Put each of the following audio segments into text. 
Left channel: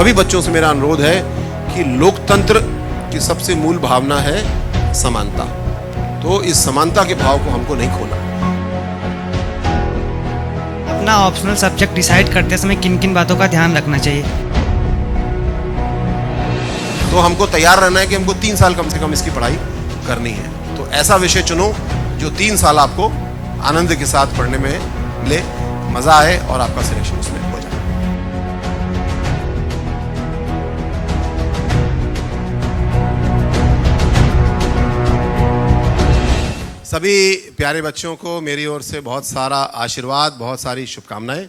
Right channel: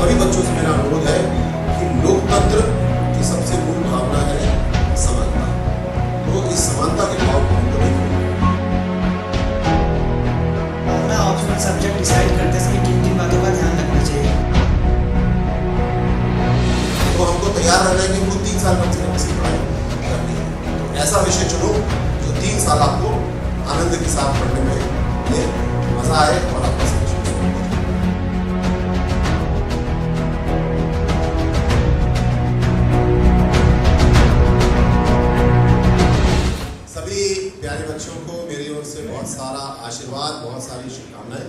सभी बच्चों से मेरा अनुरोध है कि लोकतंत्र की सबसे मूल भावना है समानता। तो इस समानता के भाव को हमको नहीं खोना। अपना ऑप्शनल सब्जेक्ट डिसाइड करते समय किन किन बातों का ध्यान रखना चाहिए? तो हमको तैयार रहना है कि हमको 3 साल कम से कम इसकी पढ़ाई करनी है। तो ऐसा विषय चुनो जो 3 साल आपको आनंद के साथ पढ़ने में मिले, मजा आए और आपका सिलेक्शन उसमें हो। सभी प्यारे बच्चों को मेरी ओर से बहुत सारा आशीर्वाद, बहुत सारी शुभकामनाएं।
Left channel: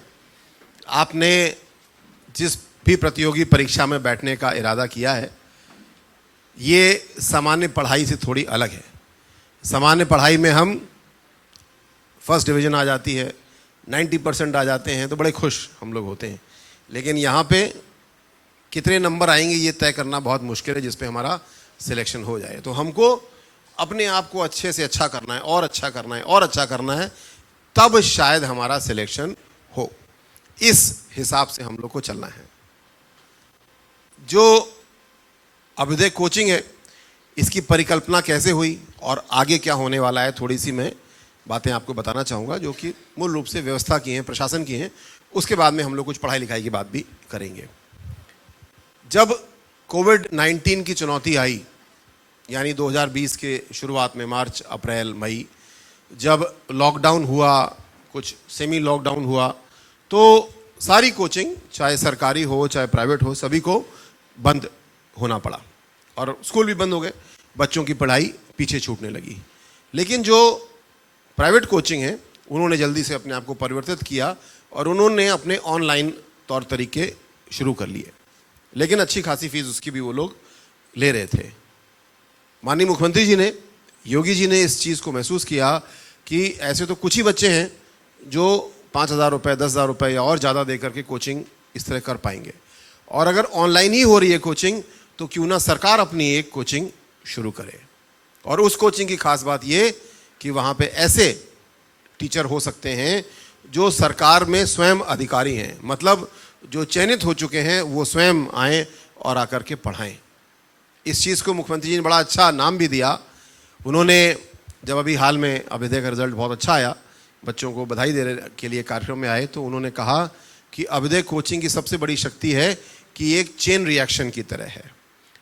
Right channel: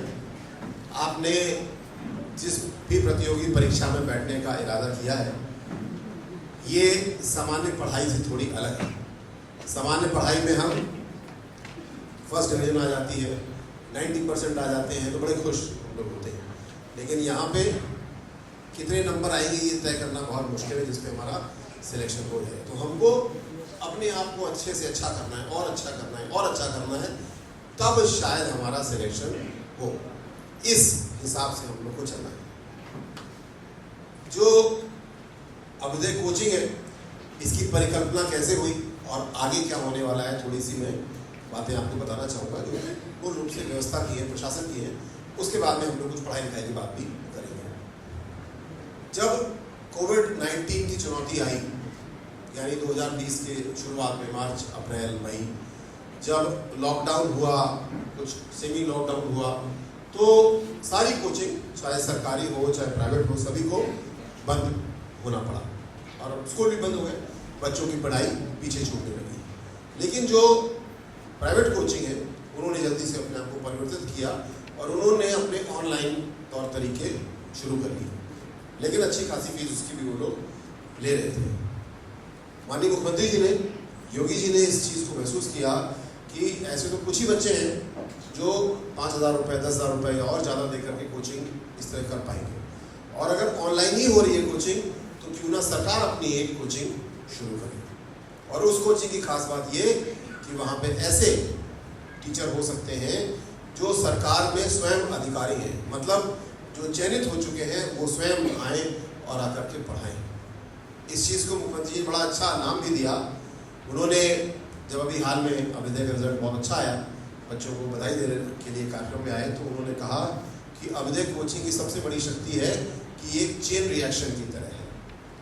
आपने जिस भी प्रतियोगी परीक्षा में बैठने का इरादा किया है, ये सामान्य पढ़ाई से थोड़ी अलग है। सामान्य पढ़ाई में हम फर्स्ट डिवीज़न आ जाती है, 90% आ जाते हैं तो बड़े खुश हम लोग होते हैं। लेकिन यहाँ पे कितने नंबर आएंगे ये तय करना बहुत मुश्किल है, जिस पे हमारा सिलेक्शन हो जाए। तो हमको अपने आप को अच्छे से अच्छा करना है और अच्छा करना है और अच्छा करना है, तब शायद हमारा सिलेक्शन हो। इस हिसाब से हम लोग को चलना है। जो अभ्युदय कोचिंग है, इसकी परिकल्पना कैसे हुई और आगे क्या होने वाला है, थोड़ी सी मैं बातें आपको बताना चाहूँगा, जो कि मूल रूप से व्यवस्था की हैं, प्रशासन की हैं। उसके बाद में हम लोग कुछ पढ़ाई लिखाई की बात भी करेंगे। जब कोविड-19 की चुनौती आई, यानी 2020 के शुरुआत में मार्च, अप्रैल, मई, जब लॉकडाउन हुआ, कुछ सेमी लॉकडाउन हुआ, तो सारी कोचिंग, चाहे सरकारी हो चाहे प्राइवेट हो, सभी को बंद होना पड़ा और स्कूल भी बंद हो गए। बच्चों की पढ़ाई पीछे छूटने लगी। लेकिन जो प्राइवेट कोचिंग है, उन्होंने जल्दी से अपने आप को परिवर्तित किया और उन्होंने अपने ऑनलाइन तौर तरीके शुरू कर लिए। लेकिन अच्छी खासी फीस उसकी भी वो लोग ले रहे थे। माननीय मुख्यमंत्री जी ने, योगी जी ने इस चीज़ को महसूस किया कि ऐसे तो कुछ ही बच्चे हैं जो 5,000 रुपये, 10,000 रुपये या और ज़्यादा दे करके कोचिंग इस तरह कर पाएंगे, और अगर ऑनलाइन ही हो रही है कोचिंग, तो क्यों ना सरकार अपनी एक कोचिंग शुरू करे। और उस कोचिंग की खास बात ये कि वहाँ पे ऐसे टीचर हो सकते हैं जो सरकार में स्वयं अधिकारी हैं, मतलब जो चयनित हो चुके हैं वो स्वयं आएँ और आकर के पढ़ाएँ। इस चीज़ को मुख्यमंत्री जी ने बड़ा अच्छा नाम भी दिया। उन्होंने जब अभी हाल में अभ्युदय का रिजल्ट बहुत अच्छा आया, बच्चों को बधाई देने के लिए कार्यक्रम में आए, तो उन्होंने कहा कि अभ्युदय कोचिंग की सबसे बड़ी शक्ति है कि एक चेन रिएक्शन की तरह है।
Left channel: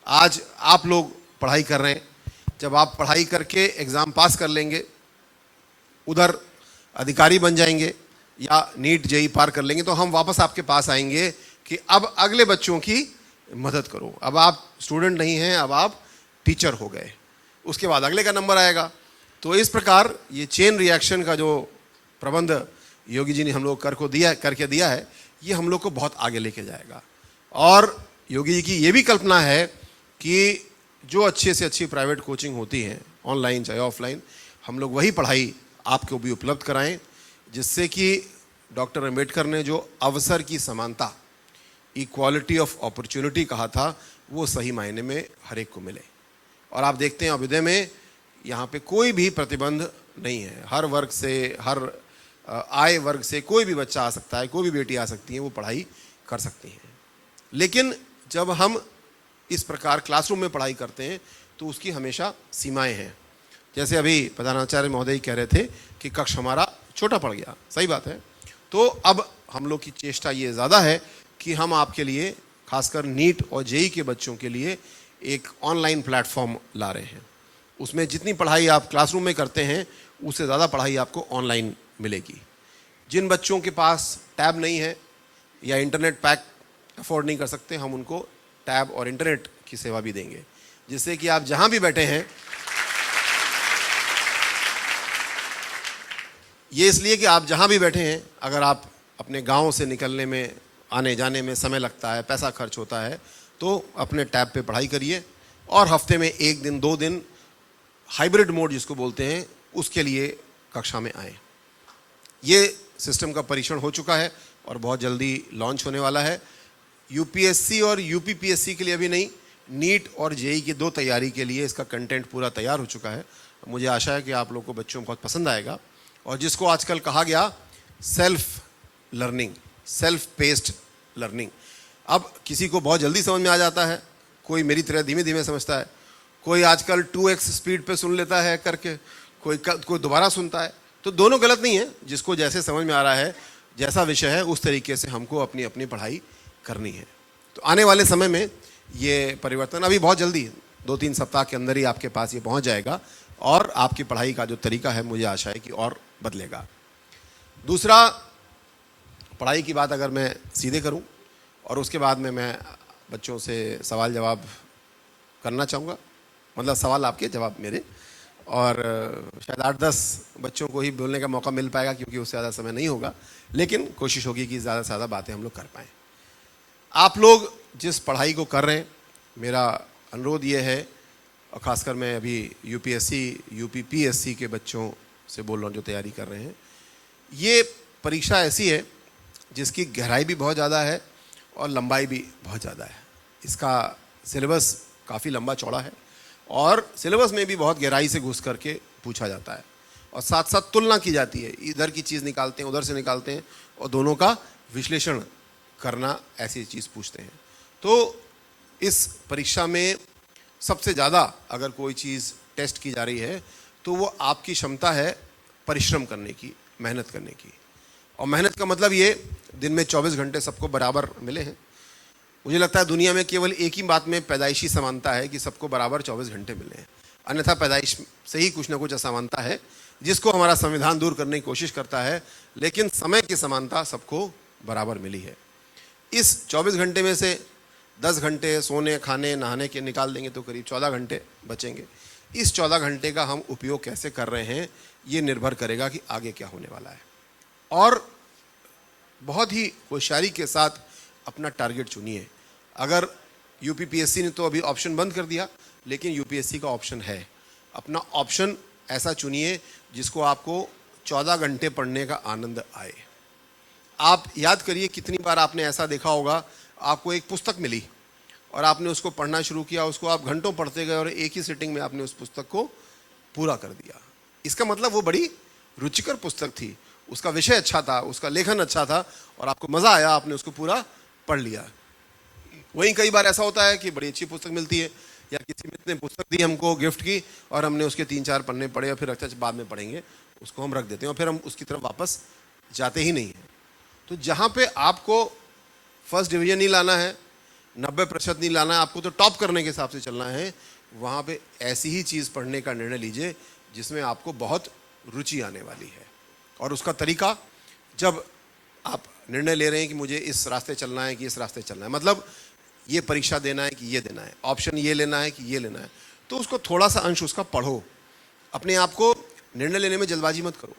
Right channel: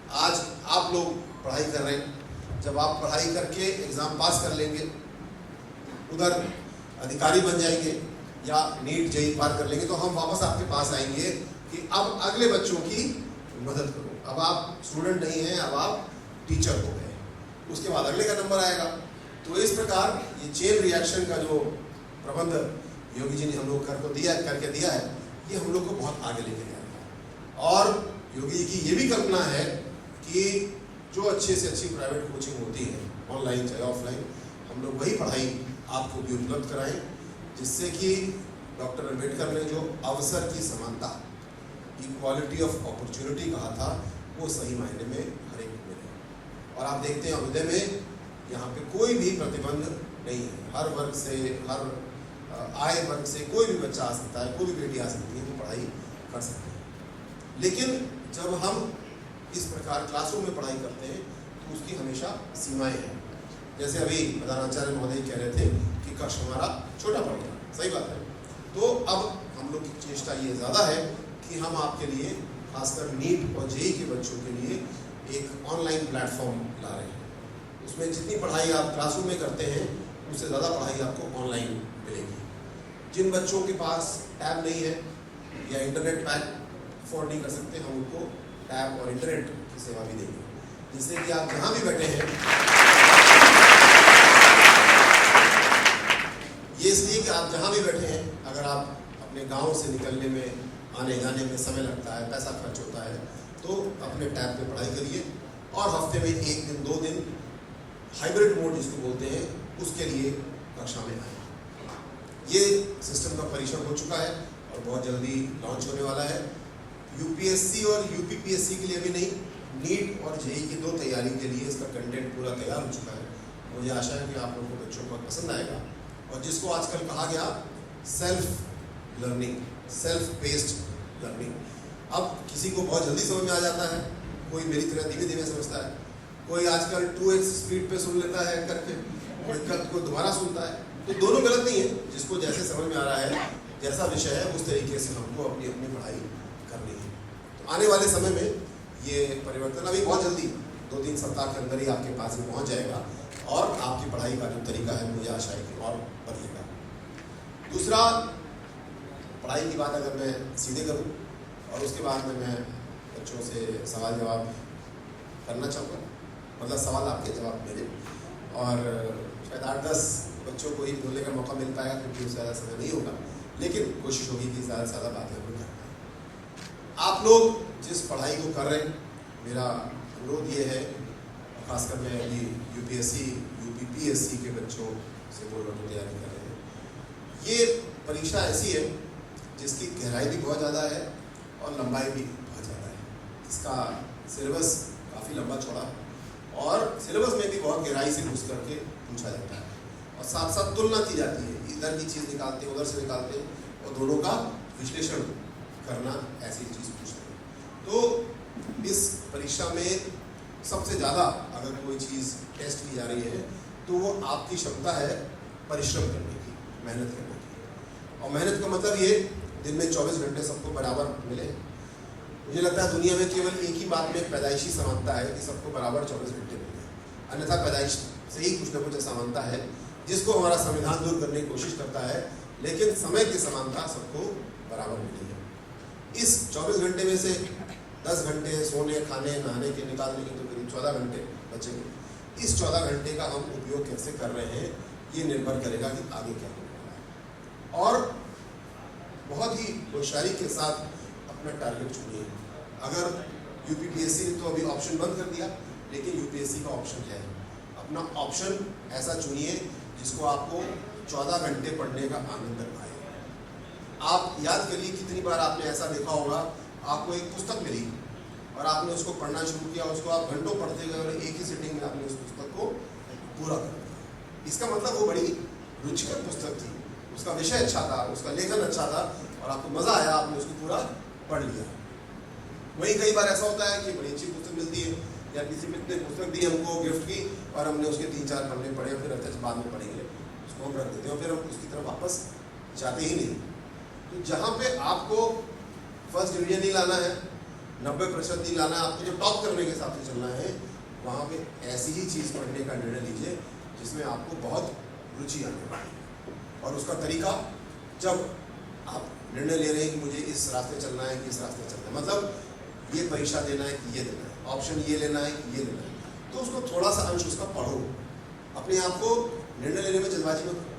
आज आप लोग पढ़ाई कर रहे हैं, जब आप पढ़ाई करके एग्ज़ाम पास कर लेंगे, उधर अधिकारी बन जाएंगे या नीट जेई पार कर लेंगे, तो हम वापस आपके पास आएंगे कि अब अगले बच्चों की मदद करो। अब आप स्टूडेंट नहीं हैं, अब आप टीचर हो गए। उसके बाद अगले का नंबर आएगा। तो इस प्रकार ये चेन रिएक्शन का जो प्रबंध योगी जी ने हम लोग करके दिया है, ये हम लोग को बहुत आगे लेके जाएगा। और योगी जी की ये भी कल्पना है कि जो अच्छे से अच्छी प्राइवेट कोचिंग होती है, ऑनलाइन चाहे ऑफलाइन, हम लोग वही पढ़ाई आपको भी उपलब्ध कराएं, जिससे कि डॉक्टर अंबेडकर ने जो अवसर की समानता, इक्वालिटी ऑफ अपॉर्चुनिटी कहा था, वो सही मायने में हर एक को मिले। और आप देखते हैं अभ्युदय में यहाँ पे कोई भी प्रतिबंध नहीं है। हर वर्ग से, हर आय वर्ग से कोई भी बच्चा आ सकता है, कोई भी बेटी आ सकती है, वो पढ़ाई कर सकती है। लेकिन जब हम इस प्रकार क्लासरूम में पढ़ाई करते हैं तो उसकी हमेशा सीमाएं हैं। जैसे अभी प्रधानाचार्य महोदय कह रहे थे कि कक्ष हमारा छोटा पड़ गया, सही बात है। तो अब हम लोग की चेष्टा ये ज़्यादा है कि हम आपके लिए, खासकर नीट और जेई के बच्चों के लिए, एक ऑनलाइन प्लेटफॉर्म ला रहे हैं। उसमें जितनी पढ़ाई आप क्लासरूम में करते हैं, उससे ज़्यादा पढ़ाई आपको ऑनलाइन मिलेगी। जिन बच्चों के पास टैब नहीं है या इंटरनेट पैक अफोर्ड नहीं कर सकते, हम उनको टैब और इंटरनेट की सेवा भी देंगे, जिससे कि आप जहाँ भी बैठे हैं, ये इसलिए कि आप जहाँ भी बैठे हैं, अगर आप अपने गांव से निकलने में, आने जाने में समय लगता है, पैसा खर्च होता है, तो अपने टैब पे पढ़ाई करिए और हफ्ते में 1 दिन 2 दिन हाइब्रिड मोड जिसको बोलते हैं, उसके लिए कक्षा में आएँ। ये सिस्टम का परीक्षण हो चुका है और बहुत जल्दी लॉन्च होने वाला है। यूपीएससी और यूपीपीएससी के लिए अभी नहीं, नीट और जेई की 2 तैयारी के लिए इसका कंटेंट पूरा तैयार हो चुका है। मुझे आशा है कि आप लोगों को, बच्चों को बहुत पसंद आएगा। और जिसको आजकल कहा गया self learning, self paced learning, अब किसी को बहुत जल्दी समझ में आ जाता है, कोई मेरी तरह धीमे धीमे समझता है, कोई आजकल 2x स्पीड पे सुन लेता है करके, कोई दोबारा सुनता है। तो दोनों गलत नहीं है, जिसको जैसे समझ में आ रहा है, जैसा विषय है उस तरीके से हमको अपनी अपनी पढ़ाई करनी है। तो आने वाले समय में ये परिवर्तन अभी बहुत जल्दी है, 2-3 सप्ताह के अंदर ही आपके पास ये पहुंच जाएगा और आपकी पढ़ाई का जो तरीका है मुझे आशा है कि और बदलेगा। दूसरा, पढ़ाई की बात अगर मैं सीधे करूं और उसके बाद में मैं बच्चों से सवाल जवाब करना चाहूँगा, मतलब सवाल आपके जवाब मेरे, और शायद 8-10 बच्चों को ही बोलने का मौका मिल पाएगा क्योंकि उससे ज़्यादा समय नहीं होगा, लेकिन कोशिश होगी कि ज़्यादा से ज़्यादा बातें हम लोग कर पाएँ। आप लोग जिस पढ़ाई को कर रहे हैं, मेरा अनुरोध ये है, और ख़ासकर मैं अभी यूपीएससी यूपीपीएससी के बच्चों से बोल रहा हूँ जो तैयारी कर रहे हैं, ये परीक्षा ऐसी है जिसकी गहराई भी बहुत ज़्यादा है और लंबाई भी बहुत ज़्यादा है। इसका सिलेबस काफ़ी लंबा चौड़ा है और सिलेबस में भी बहुत गहराई से घुस करके पूछा जाता है और साथ साथ तुलना की जाती है, इधर की चीज़ निकालते हैं, उधर से निकालते हैं और दोनों का विश्लेषण करना, ऐसी चीज़ पूछते हैं। तो इस परीक्षा में सबसे ज़्यादा अगर कोई चीज़ टेस्ट की जा रही है तो वो आपकी क्षमता है परिश्रम करने की, मेहनत करने की। और मेहनत का मतलब ये, दिन में 24 घंटे सबको बराबर मिले हैं। मुझे लगता है दुनिया में केवल एक ही बात में पैदाइशी समानता है कि सबको बराबर 24 घंटे मिले हैं, अन्यथा पैदाइश से ही कुछ ना कुछ असमानता है जिसको हमारा संविधान दूर करने की कोशिश करता है, लेकिन समय की समानता सबको बराबर मिली है। इस 24 घंटे में से 10 घंटे सोने, खाने, नहाने के निकाल देंगे तो करीब 14 घंटे बचेंगे। इस 14 घंटे का हम उपयोग कैसे कर रहे हैं ये निर्भर करेगा कि आगे क्या होने वाला है। और बहुत ही होशियारी के साथ अपना टारगेट चुनिए। अगर यूपीपीएससी ने तो अभी ऑप्शन बंद कर दिया, लेकिन यूपीएससी का ऑप्शन है। अपना ऑप्शन ऐसा चुनिए जिसको आपको 14 घंटे पढ़ने का आनंद आए। आप याद करिए कितनी बार आपने ऐसा देखा होगा, आपको एक पुस्तक मिली और आपने उसको पढ़ना शुरू किया, उसको आप घंटों पढ़ते गए और एक ही सिटिंग में आपने उस पुस्तक को पूरा कर दिया। इसका मतलब वो बड़ी रुचिकर पुस्तक थी, उसका विषय अच्छा था, उसका लेखन अच्छा था और आपको मज़ा आया, आपने उसको पूरा पढ़ लिया। वहीं कई बार ऐसा होता है कि बड़ी अच्छी पुस्तक मिलती है या किसी मित्र ने पुस्तक दी हमको गिफ्ट की और हमने उसके 3-4 पन्ने पढ़े और फिर अच्छा बाद में पढ़ेंगे, उसको हम रख देते हैं और फिर हम उसकी तरफ वापस जाते ही नहीं। तो जहाँ पे आपको फर्स्ट डिवीजन नहीं लाना है, 90% नहीं लाना है, आपको तो टॉप करने के हिसाब से चलना है, वहाँ पे ऐसी ही चीज़ पढ़ने का निर्णय लीजिए जिसमें आपको बहुत रुचि आने वाली है। और उसका तरीका, जब आप निर्णय ले रहे हैं कि मुझे इस रास्ते चलना है कि इस रास्ते चलना है, मतलब ये परीक्षा देना है कि ये देना है, ऑप्शन ये लेना है कि ये लेना है, तो उसको थोड़ा सा अंश उसका पढ़ो। अपने आप को निर्णय लेने में जल्दबाजी मत करो।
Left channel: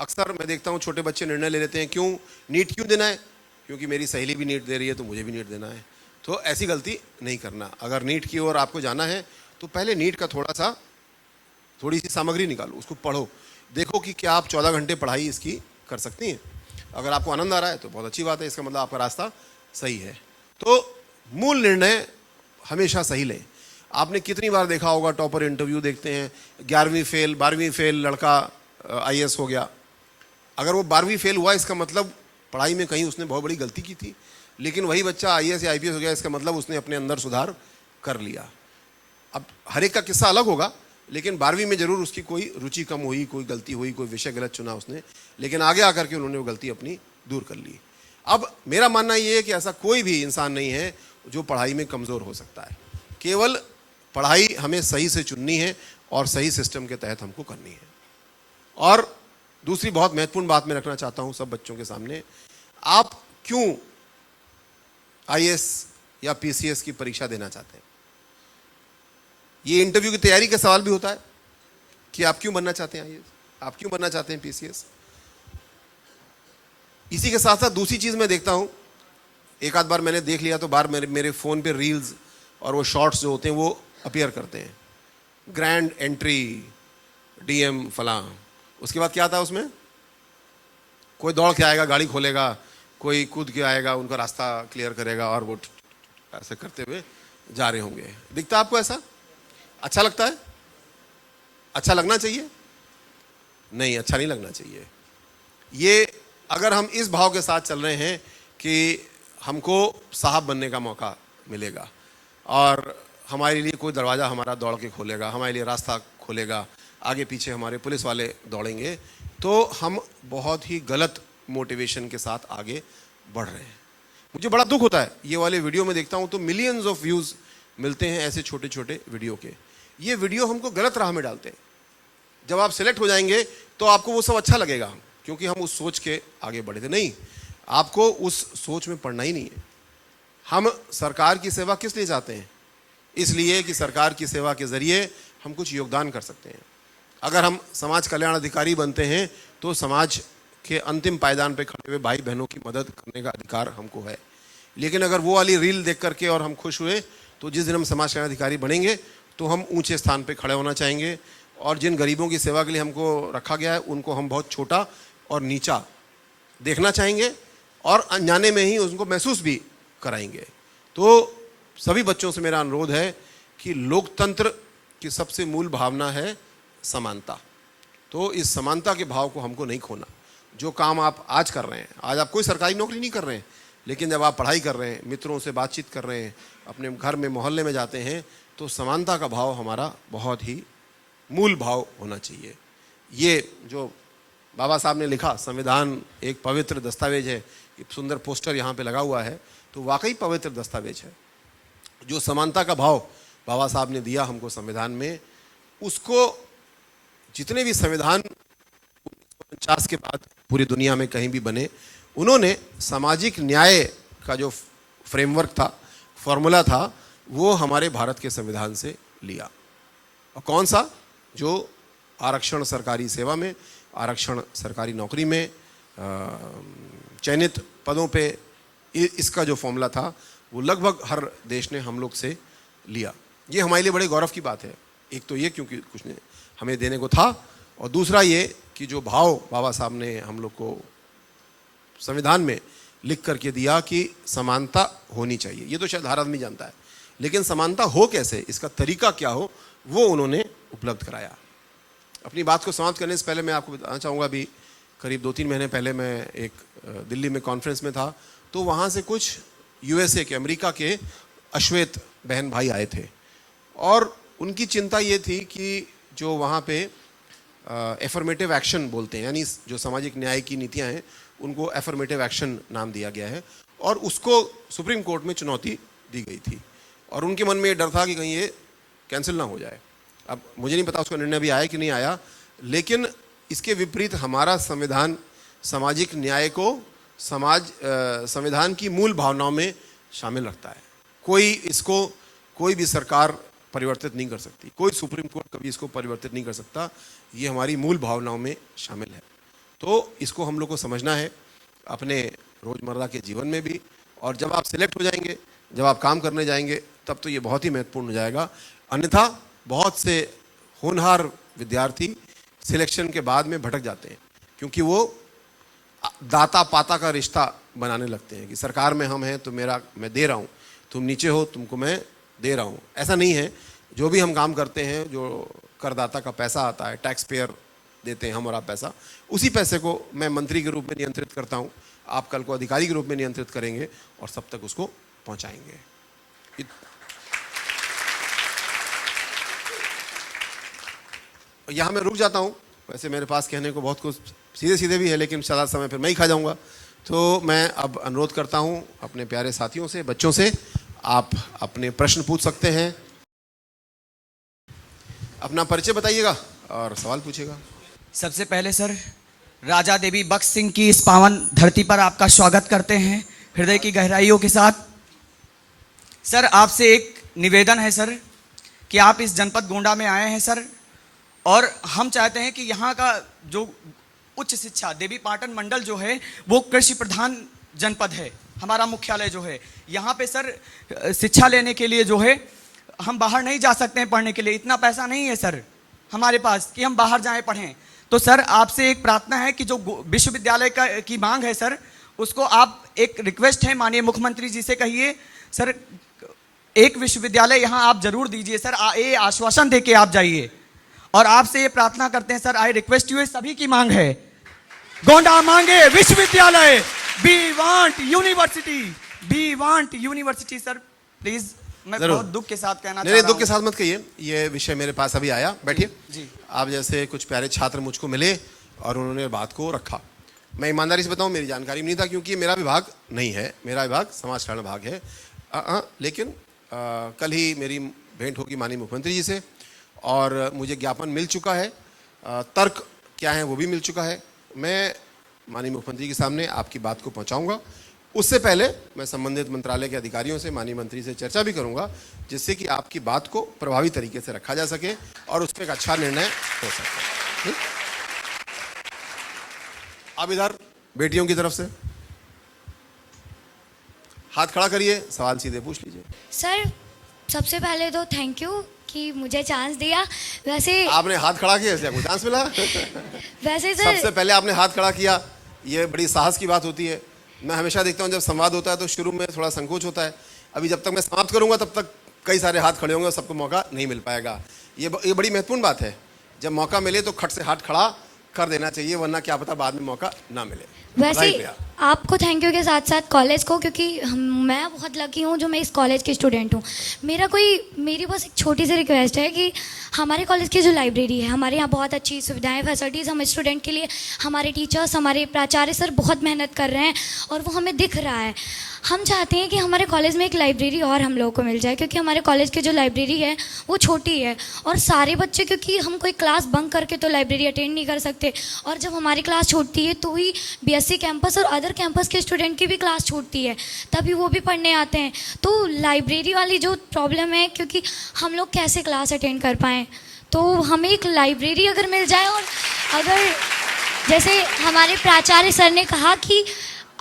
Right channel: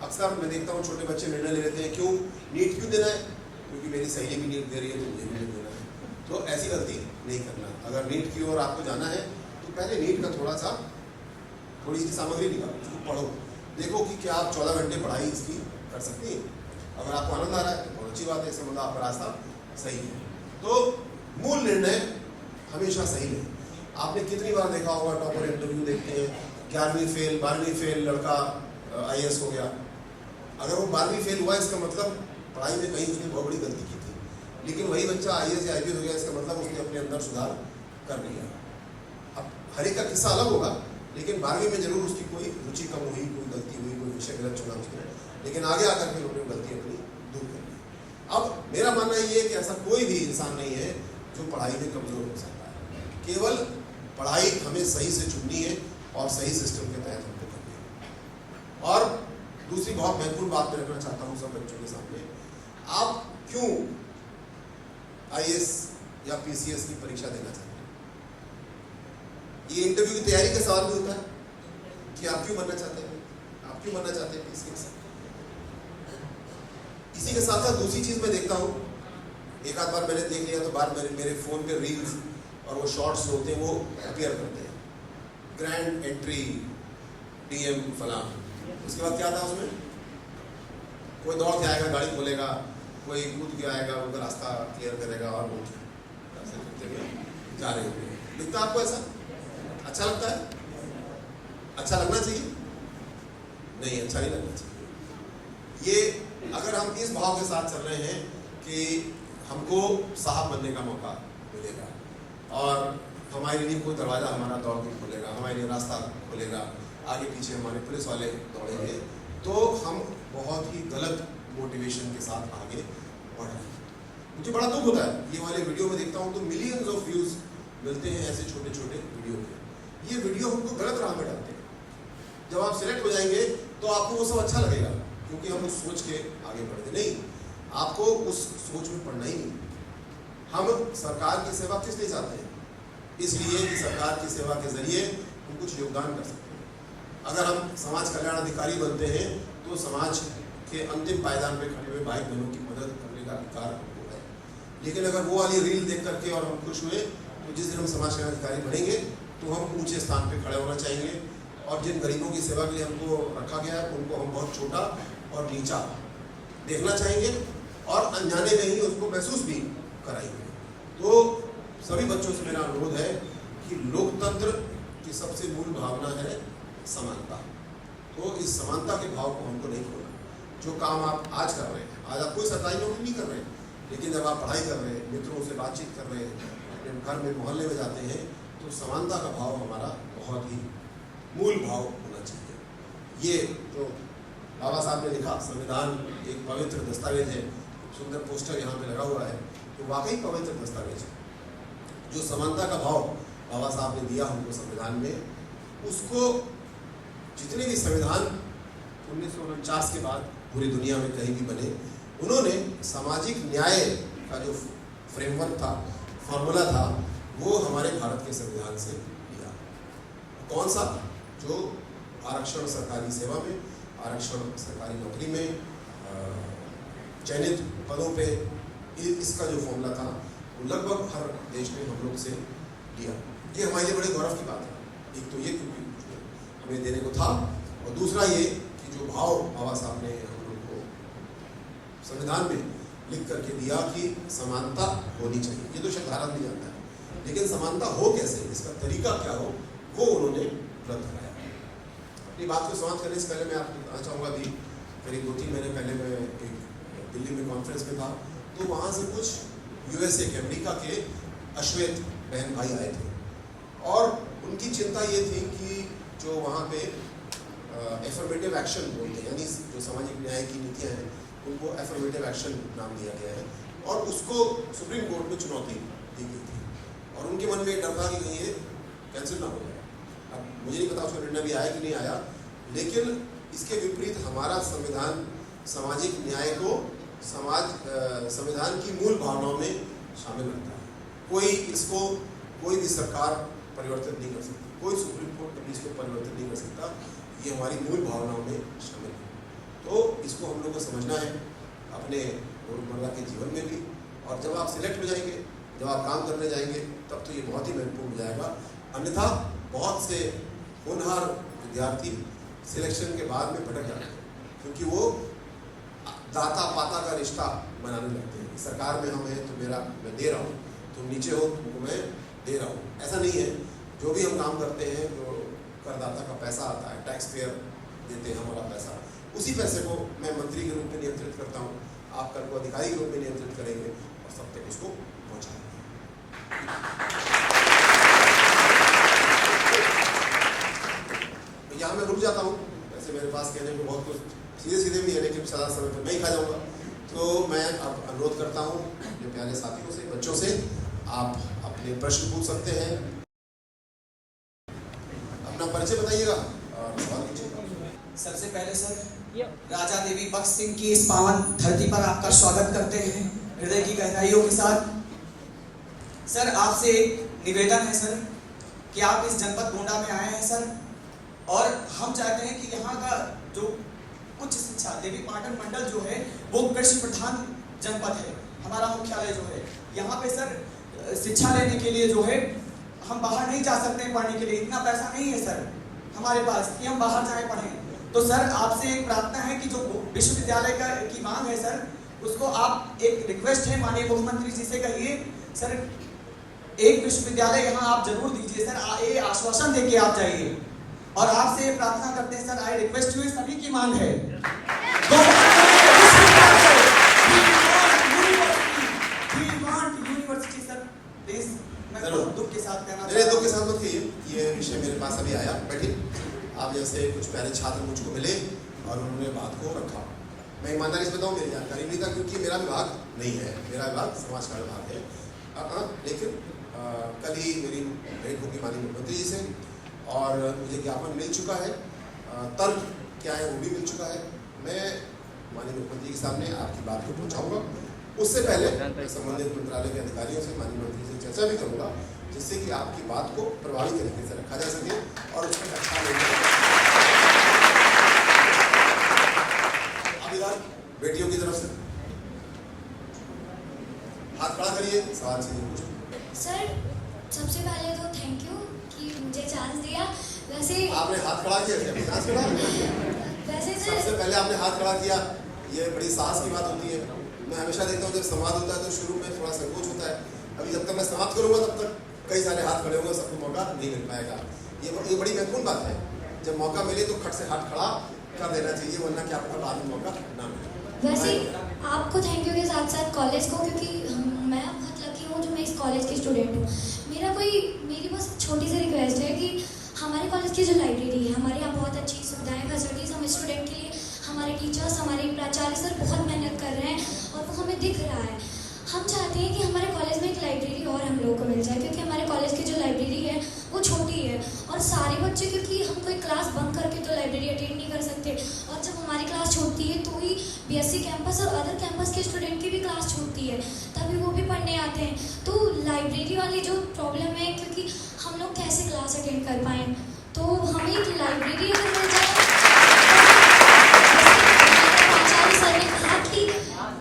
अक्सर मैं देखता हूँ छोटे बच्चे निर्णय ले लेते हैं, क्यों नीट क्यों देना है, क्योंकि मेरी सहेली भी नीट दे रही है तो मुझे भी नीट देना है। तो ऐसी गलती नहीं करना। अगर नीट की ओर आपको जाना है तो पहले नीट का थोड़ी सी सामग्री निकालो, उसको पढ़ो, देखो कि क्या आप 14 घंटे पढ़ाई इसकी कर सकती हैं। अगर आपको आनंद आ रहा है तो बहुत अच्छी बात है, इसका मतलब आपका रास्ता सही है। तो मूल निर्णय हमेशा सही लें। आपने कितनी बार देखा होगा, टॉपर इंटरव्यू देखते हैं, 11वीं फेल 12वीं फेल लड़का IAS हो गया। अगर वो 12वीं फेल हुआ इसका मतलब पढ़ाई में कहीं उसने बहुत बड़ी गलती की थी, लेकिन वही बच्चा IAS या IPS हो गया, इसका मतलब उसने अपने अंदर सुधार कर लिया। अब हर एक का किस्सा अलग होगा, लेकिन 12वीं में जरूर उसकी कोई रुचि कम हुई, कोई गलती हुई, कोई विषय गलत चुना उसने, लेकिन आगे आकर के उन्होंने वो गलती अपनी दूर कर ली। अब मेरा मानना ये है कि ऐसा कोई भी इंसान नहीं है जो पढ़ाई में कमज़ोर हो सकता है। केवल पढ़ाई हमें सही से चुननी है और सही सिस्टम के तहत हमको करनी है। और दूसरी बहुत महत्वपूर्ण बात मैं रखना चाहता हूँ सब बच्चों के सामने, आप क्यों IAS या PCS की परीक्षा देना चाहते हैं। ये इंटरव्यू की तैयारी का सवाल भी होता है कि आप क्यों बनना चाहते हैं IAS, आप क्यों बनना चाहते हैं PCS। इसी के साथ साथ दूसरी चीज़ मैं देखता हूँ, एक आध बार मैंने देख लिया तो बार मेरे फ़ोन पे रील्स और वो शॉर्ट्स जो होते हैं वो अपीयर करते हैं, ग्रैंड एंट्री DM फलां, उसके बाद क्या आता है उसमें, कोई दौड़ के आएगा, गाड़ी खोलेगा, कोई कूद के आएगा, उनका रास्ता क्लियर करेगा और वो ऐसे करते हुए जा रहे होंगे। दिखता है आपको ऐसा? अच्छा लगता है? अच्छा लगना चाहिए? नहीं, अच्छा नहीं लगना चाहिए। ये अगर हम इस भाव के साथ चल रहे हैं कि हमको साहब बनने का मौका मिलेगा और हमारे लिए कोई दरवाज़ा हमारा दौड़ के खोलेगा, हमारे लिए रास्ता खोलेगा, आगे पीछे हमारे पुलिस वाले दौड़ेंगे, तो हम बहुत ही गलत मोटिवेशन के साथ आगे बढ़ रहे हैं। मुझे बड़ा दुख होता है, ये वाले वीडियो में देखता हूँ तो मिलियंस ऑफ व्यूज़ मिलते हैं ऐसे छोटे छोटे वीडियो के। ये वीडियो हमको गलत राह में डालते हैं। जब आप सिलेक्ट हो जाएंगे तो आपको वो सब अच्छा लगेगा, क्योंकि हम उस सोच के आगे बढ़े थे। नहीं, आपको उस सोच में पड़ना ही नहीं है। हम सरकार की सेवा किस लिए चाहते हैं? इसलिए कि सरकार की सेवा के ज़रिए हम कुछ योगदान कर सकते हैं। अगर हम समाज कल्याण अधिकारी बनते हैं तो समाज के अंतिम पायदान पे खड़े हुए भाई बहनों की मदद करने का अधिकार हमको है। लेकिन अगर वो वाली रील देख करके और हम खुश हुए, तो जिस दिन हम समाज कल्याण अधिकारी बनेंगे तो हम ऊंचे स्थान पे खड़े होना चाहेंगे, और जिन गरीबों की सेवा के लिए हमको रखा गया है उनको हम बहुत छोटा और नीचा देखना चाहेंगे और अनजाने में ही उसको महसूस भी कराएंगे। तो सभी बच्चों से मेरा अनुरोध है कि लोकतंत्र की सबसे मूल भावना है समानता। तो इस समानता के भाव को हमको नहीं खोना। जो काम आप आज कर रहे हैं, आज आप कोई सरकारी नौकरी नहीं कर रहे हैं, लेकिन जब आप पढ़ाई कर रहे हैं, मित्रों से बातचीत कर रहे हैं, अपने घर में मोहल्ले में जाते हैं, तो समानता का भाव हमारा बहुत ही मूल भाव होना चाहिए। ये जो बाबा साहब ने लिखा, संविधान एक पवित्र दस्तावेज है, एक सुंदर पोस्टर यहाँ पे लगा हुआ है, तो वाकई पवित्र दस्तावेज है। जो समानता का भाव बाबा साहब ने दिया हमको संविधान में, उसको जितने भी संविधान 1949 के बाद पूरी दुनिया में कहीं भी बने, उन्होंने सामाजिक न्याय का जो फ्रेमवर्क था, फॉर्मूला था, वो हमारे भारत के संविधान से लिया। और कौन सा? जो आरक्षण सरकारी सेवा में, आरक्षण सरकारी नौकरी में, चयनित पदों पे, इसका जो फॉर्मूला था वो लगभग हर देश ने हम लोग से लिया। ये हमारे लिए बड़े गौरव की बात है। एक तो ये क्योंकि कुछ ने हमें देने को था, और दूसरा ये कि जो भाव बाबा साहब ने हम लोग को संविधान में लिख करके दिया कि समानता होनी चाहिए। ये तो शायद हर आदमी जानता है, लेकिन समानता हो कैसे, इसका तरीका क्या हो, वो उन्होंने उपलब्ध कराया। अपनी बात को समाप्त करने से पहले मैं आपको बताना चाहूँगा, अभी करीब 2-3 महीने पहले मैं एक दिल्ली में कॉन्फ्रेंस में था, तो वहाँ से कुछ यूएसए के, अमेरिका के अश्वेत बहन भाई आए थे, और उनकी चिंता ये थी कि जो वहाँ पे एफर्मेटिव एक्शन बोलते हैं, यानी जो सामाजिक न्याय की नीतियाँ हैं उनको एफर्मेटिव एक्शन नाम दिया गया है, और उसको सुप्रीम कोर्ट में चुनौती दी गई थी, और उनके मन में ये डर था कि कहीं ये कैंसिल ना हो जाए। अब मुझे नहीं पता उसका निर्णय भी आया कि नहीं आया, लेकिन इसके विपरीत हमारा संविधान सामाजिक न्याय को संविधान की मूल भावनाओं में शामिल रखता है। कोई भी सरकार परिवर्तित नहीं कर सकती, कोई सुप्रीम कोर्ट कभी इसको परिवर्तित नहीं कर सकता। ये हमारी मूल भावनाओं में शामिल है। तो इसको हम लोग को समझना है अपने रोज़मर्रा के जीवन में भी, और जब आप सिलेक्ट हो जाएंगे, जब आप काम करने जाएंगे, तब तो ये बहुत ही महत्वपूर्ण हो जाएगा। अन्यथा बहुत से होनहार विद्यार्थी सिलेक्शन के बाद में भटक जाते हैं, क्योंकि वो दाता पाता का रिश्ता बनाने लगते हैं कि सरकार में हम हैं तो मैं दे रहा हूँ, तुम नीचे हो तुमको मैं दे रहा हूँ। ऐसा नहीं है। जो भी हम काम करते हैं, जो करदाता का पैसा आता है, टैक्स पेयर देते हैं हम और आप पैसा, उसी पैसे को मैं मंत्री के रूप में नियंत्रित करता हूँ, आप कल को अधिकारी के रूप में नियंत्रित करेंगे और सब तक उसको पहुँचाएंगे। यहाँ मैं रुक जाता हूँ। वैसे मेरे पास कहने को बहुत कुछ सीधे भी है, लेकिन सारा समय फिर मैं ही खा जाऊँगा। तो मैं अब अनुरोध करता हूँ अपने प्यारे साथियों से, बच्चों से, आप अपने प्रश्न पूछ सकते हैं। अपना परिचय बताइएगा और सवाल पूछिएगा। सबसे पहले सर, राजा देवी बख्श सिंह की इस पावन धरती पर आपका स्वागत करते हैं हृदय की गहराइयों के साथ। सर, आपसे एक निवेदन है सर कि आप इस जनपद गोंडा में आए हैं सर, और हम चाहते हैं कि यहाँ का जो उच्च शिक्षा देवी पाटन मंडल जो है वो कृषि प्रधान जनपद है। हमारा मुख्यालय जो है यहाँ पे सर शिक्षा लेने के लिए जो है हम बाहर नहीं जा सकते हैं पढ़ने के लिए, इतना पैसा नहीं है सर हमारे पास कि हम बाहर जाएं पढ़ें। तो सर आपसे एक प्रार्थना है कि जो विश्वविद्यालय की मांग है सर, उसको आप, एक रिक्वेस्ट है माननीय मुख्यमंत्री जी से कहिए सर, एक विश्वविद्यालय यहाँ आप जरूर दीजिए सर, ये आश्वासन दे के आप जाइए। और आपसे ये प्रार्थना करते हैं सर, आई रिक्वेस्ट यू, सभी की मांग है, गोंडा मांगे विश्वविद्यालय, we want university, we want university sir, please. मैं जरूर। बहुत दुख के साथ कहना मेरे चाह दुख के रहा साथ मत कहिए, ये विषय मेरे पास अभी आया। बैठिए। आप जैसे कुछ प्यारे छात्र मुझको मिले और उन्होंने बात को रखा। मैं ईमानदारी से बताऊं, मेरी जानकारी में नहीं था, क्योंकि ये मेरा विभाग नहीं है। मेरा विभाग समाज कल्याण विभाग है। लेकिन कल ही मेरी भेंट होगी माननीय मुख्यमंत्री जी से और मुझे ज्ञापन मिल चुका है, तर्क क्या है वो भी मिल चुका है। मैं माननीय मुख्यमंत्री के सामने आपकी बात को पहुंचाऊंगा। उससे पहले मैं संबंधित मंत्रालय के अधिकारियों से, माननीय मंत्री से चर्चा भी करूंगा, जिससे कि आपकी बात को प्रभावी तरीके से रखा जा सके और उस पर एक अच्छा निर्णय। अब इधर बेटियों की तरफ से हाथ खड़ा करिए, सवाल सीधे पूछ लीजिए। सर, सबसे पहले तो थैंक यू कि मुझे चांस दिया। वैसे आपने हाथ खड़ा किया, आपको चांस मिला। वैसे सबसे सर, पहले आपने हाथ खड़ा किया, ये बड़ी साहस की बात होती है। मैं हमेशा देखता हूँ जब संवाद होता है तो शुरू में थोड़ा संकोच होता है। अभी जब तक मैं समाप्त करूंगा तब तक कई सारे हाथ खड़े होंगे, सबको मौका नहीं मिल पाएगा। ये बड़ी महत्वपूर्ण बात है। जब मौका मिले तो खट से हाथ खड़ा कर देना चाहिए, वरना क्या पता बाद में मौका ना मिले। वैसे Right, भैया। आपको थैंक यू के साथ साथ कॉलेज को, क्योंकि मैं बहुत लकी हूँ जो मैं इस कॉलेज की स्टूडेंट हूँ। मेरी बस एक छोटी सी रिक्वेस्ट है कि हमारे कॉलेज की जो लाइब्रेरी है, हमारे यहाँ बहुत अच्छी सुविधाएं, फैसिलिटीज़ हम स्टूडेंट के लिए, हमारे टीचर्स, हमारे प्राचार्य सर बहुत मेहनत कर रहे हैं और वो हमें दिख रहा है। हम चाहते हैं कि हमारे कॉलेज में एक लाइब्रेरी और हम लोगों को मिल जाए, क्योंकि हमारे कॉलेज की जो लाइब्रेरी है वो छोटी है और सारे बच्चे, क्योंकि हम कोई क्लास बंक करके तो लाइब्रेरी अटेंड नहीं कर सकते, और जब हमारी क्लास छूटती है तो ही बीएससी कैंपस और अदर कैंपस के स्टूडेंट की भी क्लास छूटती है, तभी वो भी पढ़ने आते हैं। तो लाइब्रेरी वाली जो प्रॉब्लम है, क्योंकि हम लोग कैसे क्लास अटेंड कर पाएँ, तो हमें एक लाइब्रेरी अगर मिल जाए। अगर जैसे हमारे प्राचार्य सर ने कहा कि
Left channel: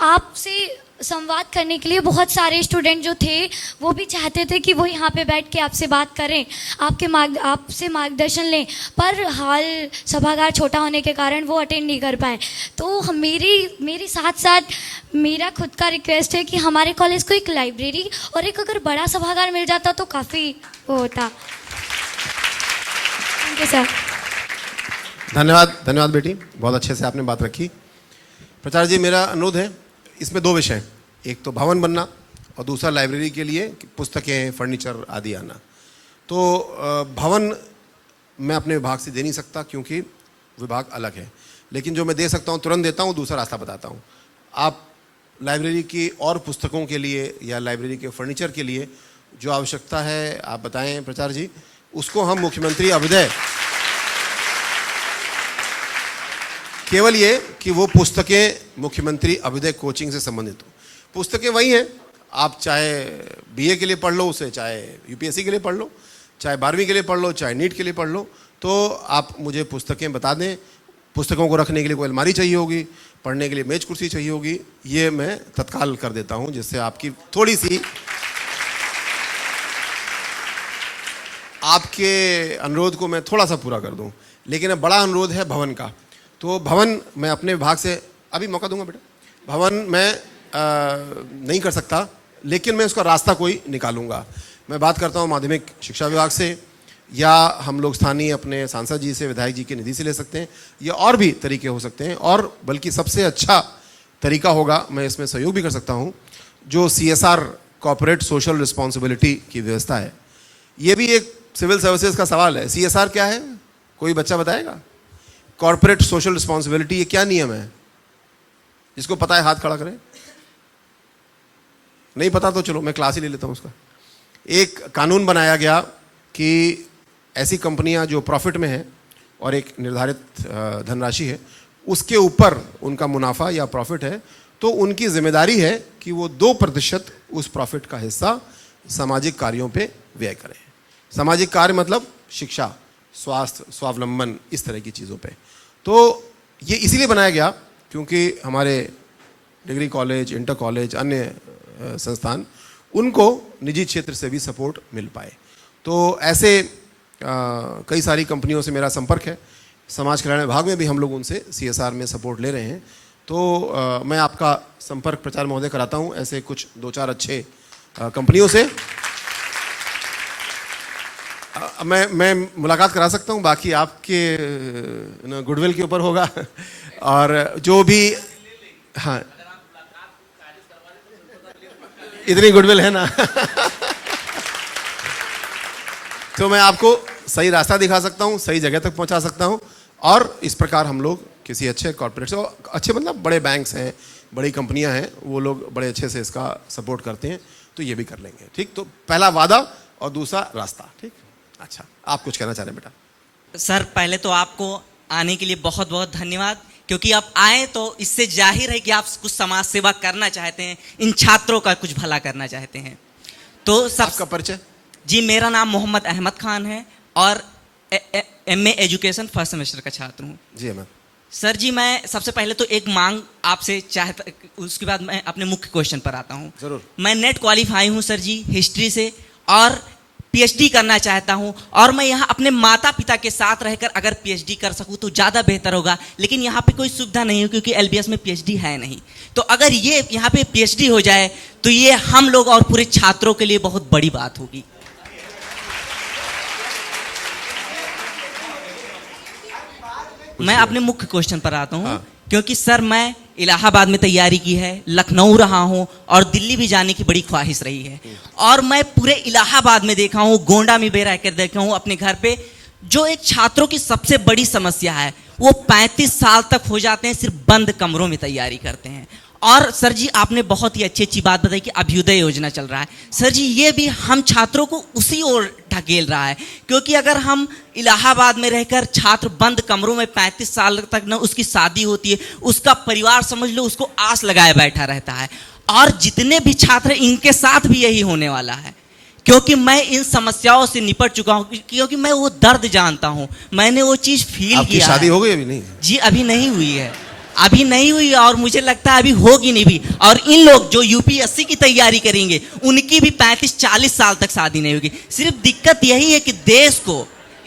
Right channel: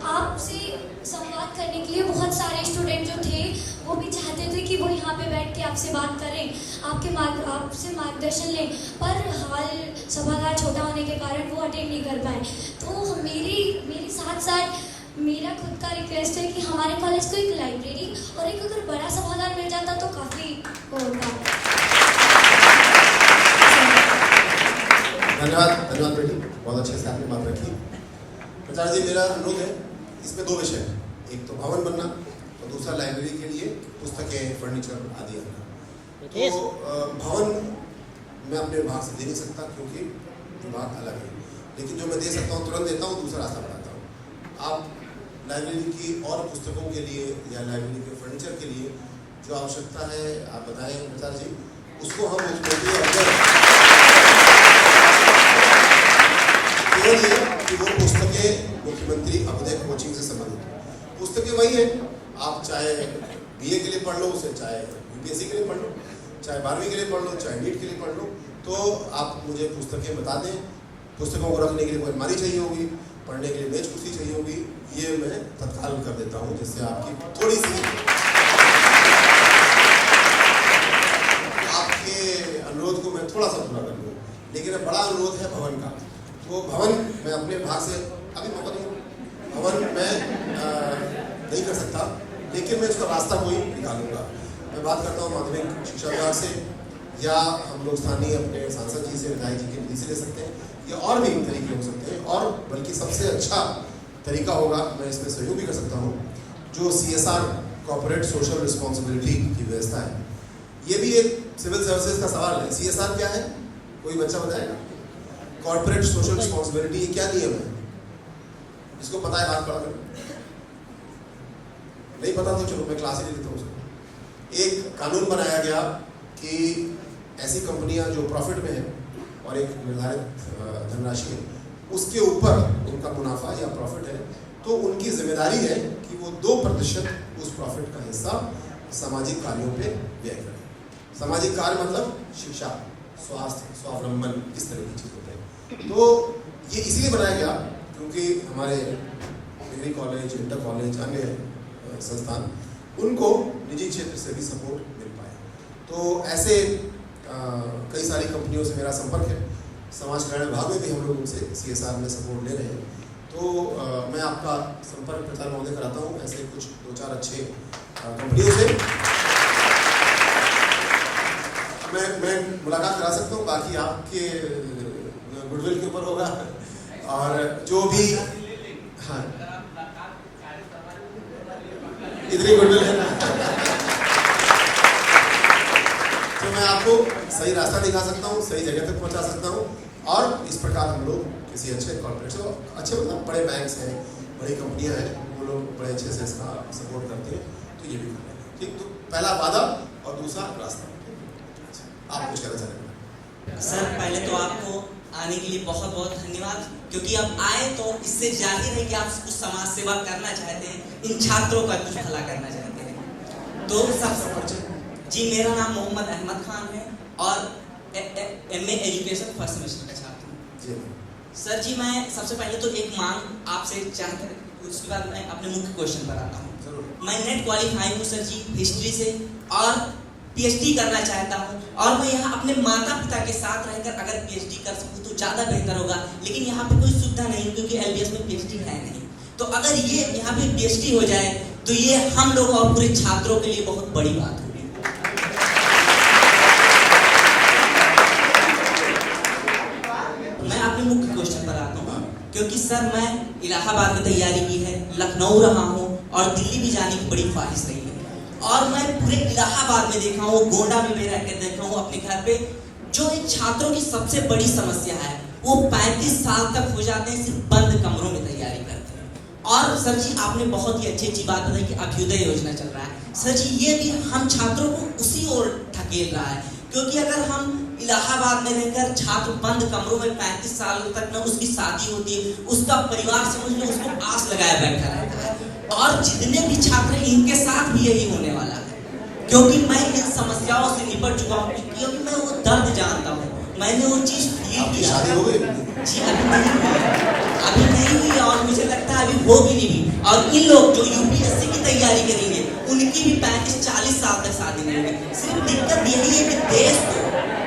आपसे संवाद करने के लिए बहुत सारे स्टूडेंट जो थे वो भी चाहते थे कि वो यहाँ पे बैठ के आपसे बात करें, आपसे मार्गदर्शन लें, पर हाल सभागार छोटा होने के कारण वो अटेंड नहीं कर पाए। तो मेरी साथ साथ मेरा खुद का रिक्वेस्ट है कि हमारे कॉलेज को एक लाइब्रेरी और एक अगर बड़ा सभागार मिल जाता तो काफ़ी वो होता। धन्यवाद बेटी, बहुत अच्छे से आपने बात रखी। प्राचार्य जी, मेरा अनुरोध है, इसमें दो विषय हैं, एक तो भवन बनना और दूसरा लाइब्रेरी के लिए पुस्तकें, फर्नीचर आदि आना। तो भवन मैं अपने विभाग से दे नहीं सकता क्योंकि विभाग अलग है, लेकिन जो मैं दे सकता हूँ तुरंत देता हूँ, दूसरा रास्ता बताता हूँ। आप लाइब्रेरी की और पुस्तकों के लिए या लाइब्रेरी के फर्नीचर के लिए जो आवश्यकता है आप बताएं प्राचार्य जी, उसको हम मुख्यमंत्री अभिदय, केवल ये कि वो पुस्तकें मुख्यमंत्री अभिदय कोचिंग से संबंधित हो। पुस्तकें वही हैं, आप चाहे बीए के लिए पढ़ लो उसे, चाहे यूपीएससी के लिए पढ़ लो, चाहे 12वीं के लिए पढ़ लो, चाहे नीट के लिए पढ़ लो, तो आप मुझे पुस्तकें बता दें। पुस्तकों को रखने के लिए कोई अलमारी चाहिए होगी, पढ़ने के लिए मेज कुर्सी चाहिए होगी, ये मैं तत्काल कर देता हूँ, जिससे आपकी थोड़ी सी आपके अनुरोध को मैं थोड़ा सा पूरा कर दूँ। लेकिन अब बड़ा अनुरोध है भवन का, तो भवन मैं अपने विभाग से अभी मौका दूंगा बेटा। भवन मैं नहीं कर सकता, लेकिन मैं उसका रास्ता कोई निकालूंगा। मैं बात करता हूँ माध्यमिक शिक्षा विभाग से, या हम लोग स्थानीय अपने सांसद जी से, विधायक जी की निधि से ले सकते हैं, या और भी तरीके हो सकते हैं। और बल्कि सबसे अच्छा तरीका होगा, मैं इसमें सहयोग भी कर सकता हूँ, जो CSR कॉर्पोरेट सोशल रिस्पॉन्सिबिलिटी की व्यवस्था है। ये भी एक सिविल सर्विसेज का सवाल है। CSR क्या है, कोई बच्चा बताएगा? कॉर्पोरेट सोशल रिस्पॉन्सिबिलिटी, ये क्या नियम है? जिसको पता है हाथ खड़ा करें। नहीं पता तो चलो मैं क्लास ही ले लेता हूँ उसका। एक कानून बनाया गया कि ऐसी कंपनियां जो प्रॉफिट में हैं और एक निर्धारित धनराशि है, उसके ऊपर उनका मुनाफा या प्रॉफिट है, तो उनकी जिम्मेदारी है कि वो 2% उस प्रॉफिट का हिस्सा सामाजिक कार्यों पे व्यय करें। सामाजिक कार्य मतलब शिक्षा, स्वास्थ्य, स्वावलंबन, इस तरह की चीज़ों पे। तो ये इसीलिए बनाया गया क्योंकि हमारे डिग्री कॉलेज, इंटर कॉलेज, अन्य संस्थान, उनको निजी क्षेत्र से भी सपोर्ट मिल पाए। तो ऐसे कई सारी कंपनियों से मेरा संपर्क है। समाज कल्याण विभाग में भी हम लोग उनसे CSR में सपोर्ट ले रहे हैं। तो मैं आपका संपर्क प्राचार्य महोदय कराता हूँ ऐसे कुछ 2-4 अच्छे कंपनियों से। मैं मुलाकात करा सकता हूँ, बाकी आपके गुडविल के ऊपर होगा। और जो भी, हाँ इतनी गुडविल है ना। तो मैं आपको सही रास्ता दिखा सकता हूँ, सही जगह तक पहुँचा सकता हूँ, और इस प्रकार हम लोग किसी अच्छे कॉर्पोरेट से, अच्छे मतलब बड़े बैंक्स हैं, बड़ी कंपनियां हैं, वो लोग बड़े अच्छे से इसका सपोर्ट करते हैं, तो ये भी कर लेंगे। ठीक, तो पहला वादा और दूसरा रास्ता। ठीक, अच्छा, आप कुछ कहना चाह रहे हैं बेटा? सर पहले तो आपको आने के लिए बहुत बहुत धन्यवाद, क्योंकि आप आए तो इससे जाहिर है कि आप कुछ समाज सेवा करना चाहते हैं, इन छात्रों का कुछ भला करना चाहते हैं। तो सबका परिचय? जी, मेरा नाम मोहम्मद अहमद खान है और MA एजुकेशन फर्स्ट सेमेस्टर का छात्र हूँ। जी मैम। सर जी, मैं सबसे पहले तो एक मांग आपसे चाहता, उसके बाद मैं अपने मुख्य क्वेश्चन पर आता हूँ। जरूर। मैं नेट क्वालिफाई हूँ सर जी हिस्ट्री से, और PhD करना चाहता हूँ, और मैं यहाँ अपने माता पिता के साथ रहकर अगर PhD कर सकूँ तो ज़्यादा बेहतर होगा, लेकिन यहाँ पे कोई सुविधा नहीं है क्योंकि LBS में PhD है नहीं। तो अगर ये यहाँ पे PhD हो जाए तो ये हम लोग और पूरे छात्रों के लिए बहुत बड़ी बात होगी। मैं अपने मुख्य क्वेश्चन पर आता हूँ। हाँ। क्योंकि सर मैं इलाहाबाद में तैयारी की है, लखनऊ रहा हूँ और दिल्ली भी जाने की बड़ी ख्वाहिश रही है, और मैं पूरे इलाहाबाद में देखा हूँ, गोंडा में भी रह कर देखा हूँ अपने घर पे, जो एक छात्रों की सबसे बड़ी समस्या है वो 35 साल तक हो जाते हैं सिर्फ बंद कमरों में तैयारी करते हैं। और सर जी, आपने बहुत ही अच्छी बात बताई कि अभ्युदय योजना चल रहा है। सर जी, ये भी हम छात्रों को उसी ओर ढकेल रहा है, क्योंकि अगर हम इलाहाबाद में रहकर छात्र बंद कमरों में 35 साल तक न उसकी शादी होती है, उसका परिवार समझ लो उसको आस लगाए बैठा रहता है, और जितने भी छात्र इनके साथ भी यही होने वाला है, क्योंकि मैं इन समस्याओं से निपट चुका हूँ, क्योंकि मैं वो दर्द जानता हूँ, मैंने वो चीज़ फील आपकी किया। शादी हो गई अभी? नहीं जी, अभी नहीं हुई है, अभी नहीं हुई, और मुझे लगता है अभी होगी नहीं भी। और इन लोग जो UPSC की तैयारी करेंगे उनकी भी 35-40 साल तक शादी नहीं होगी। सिर्फ दिक्कत यही है कि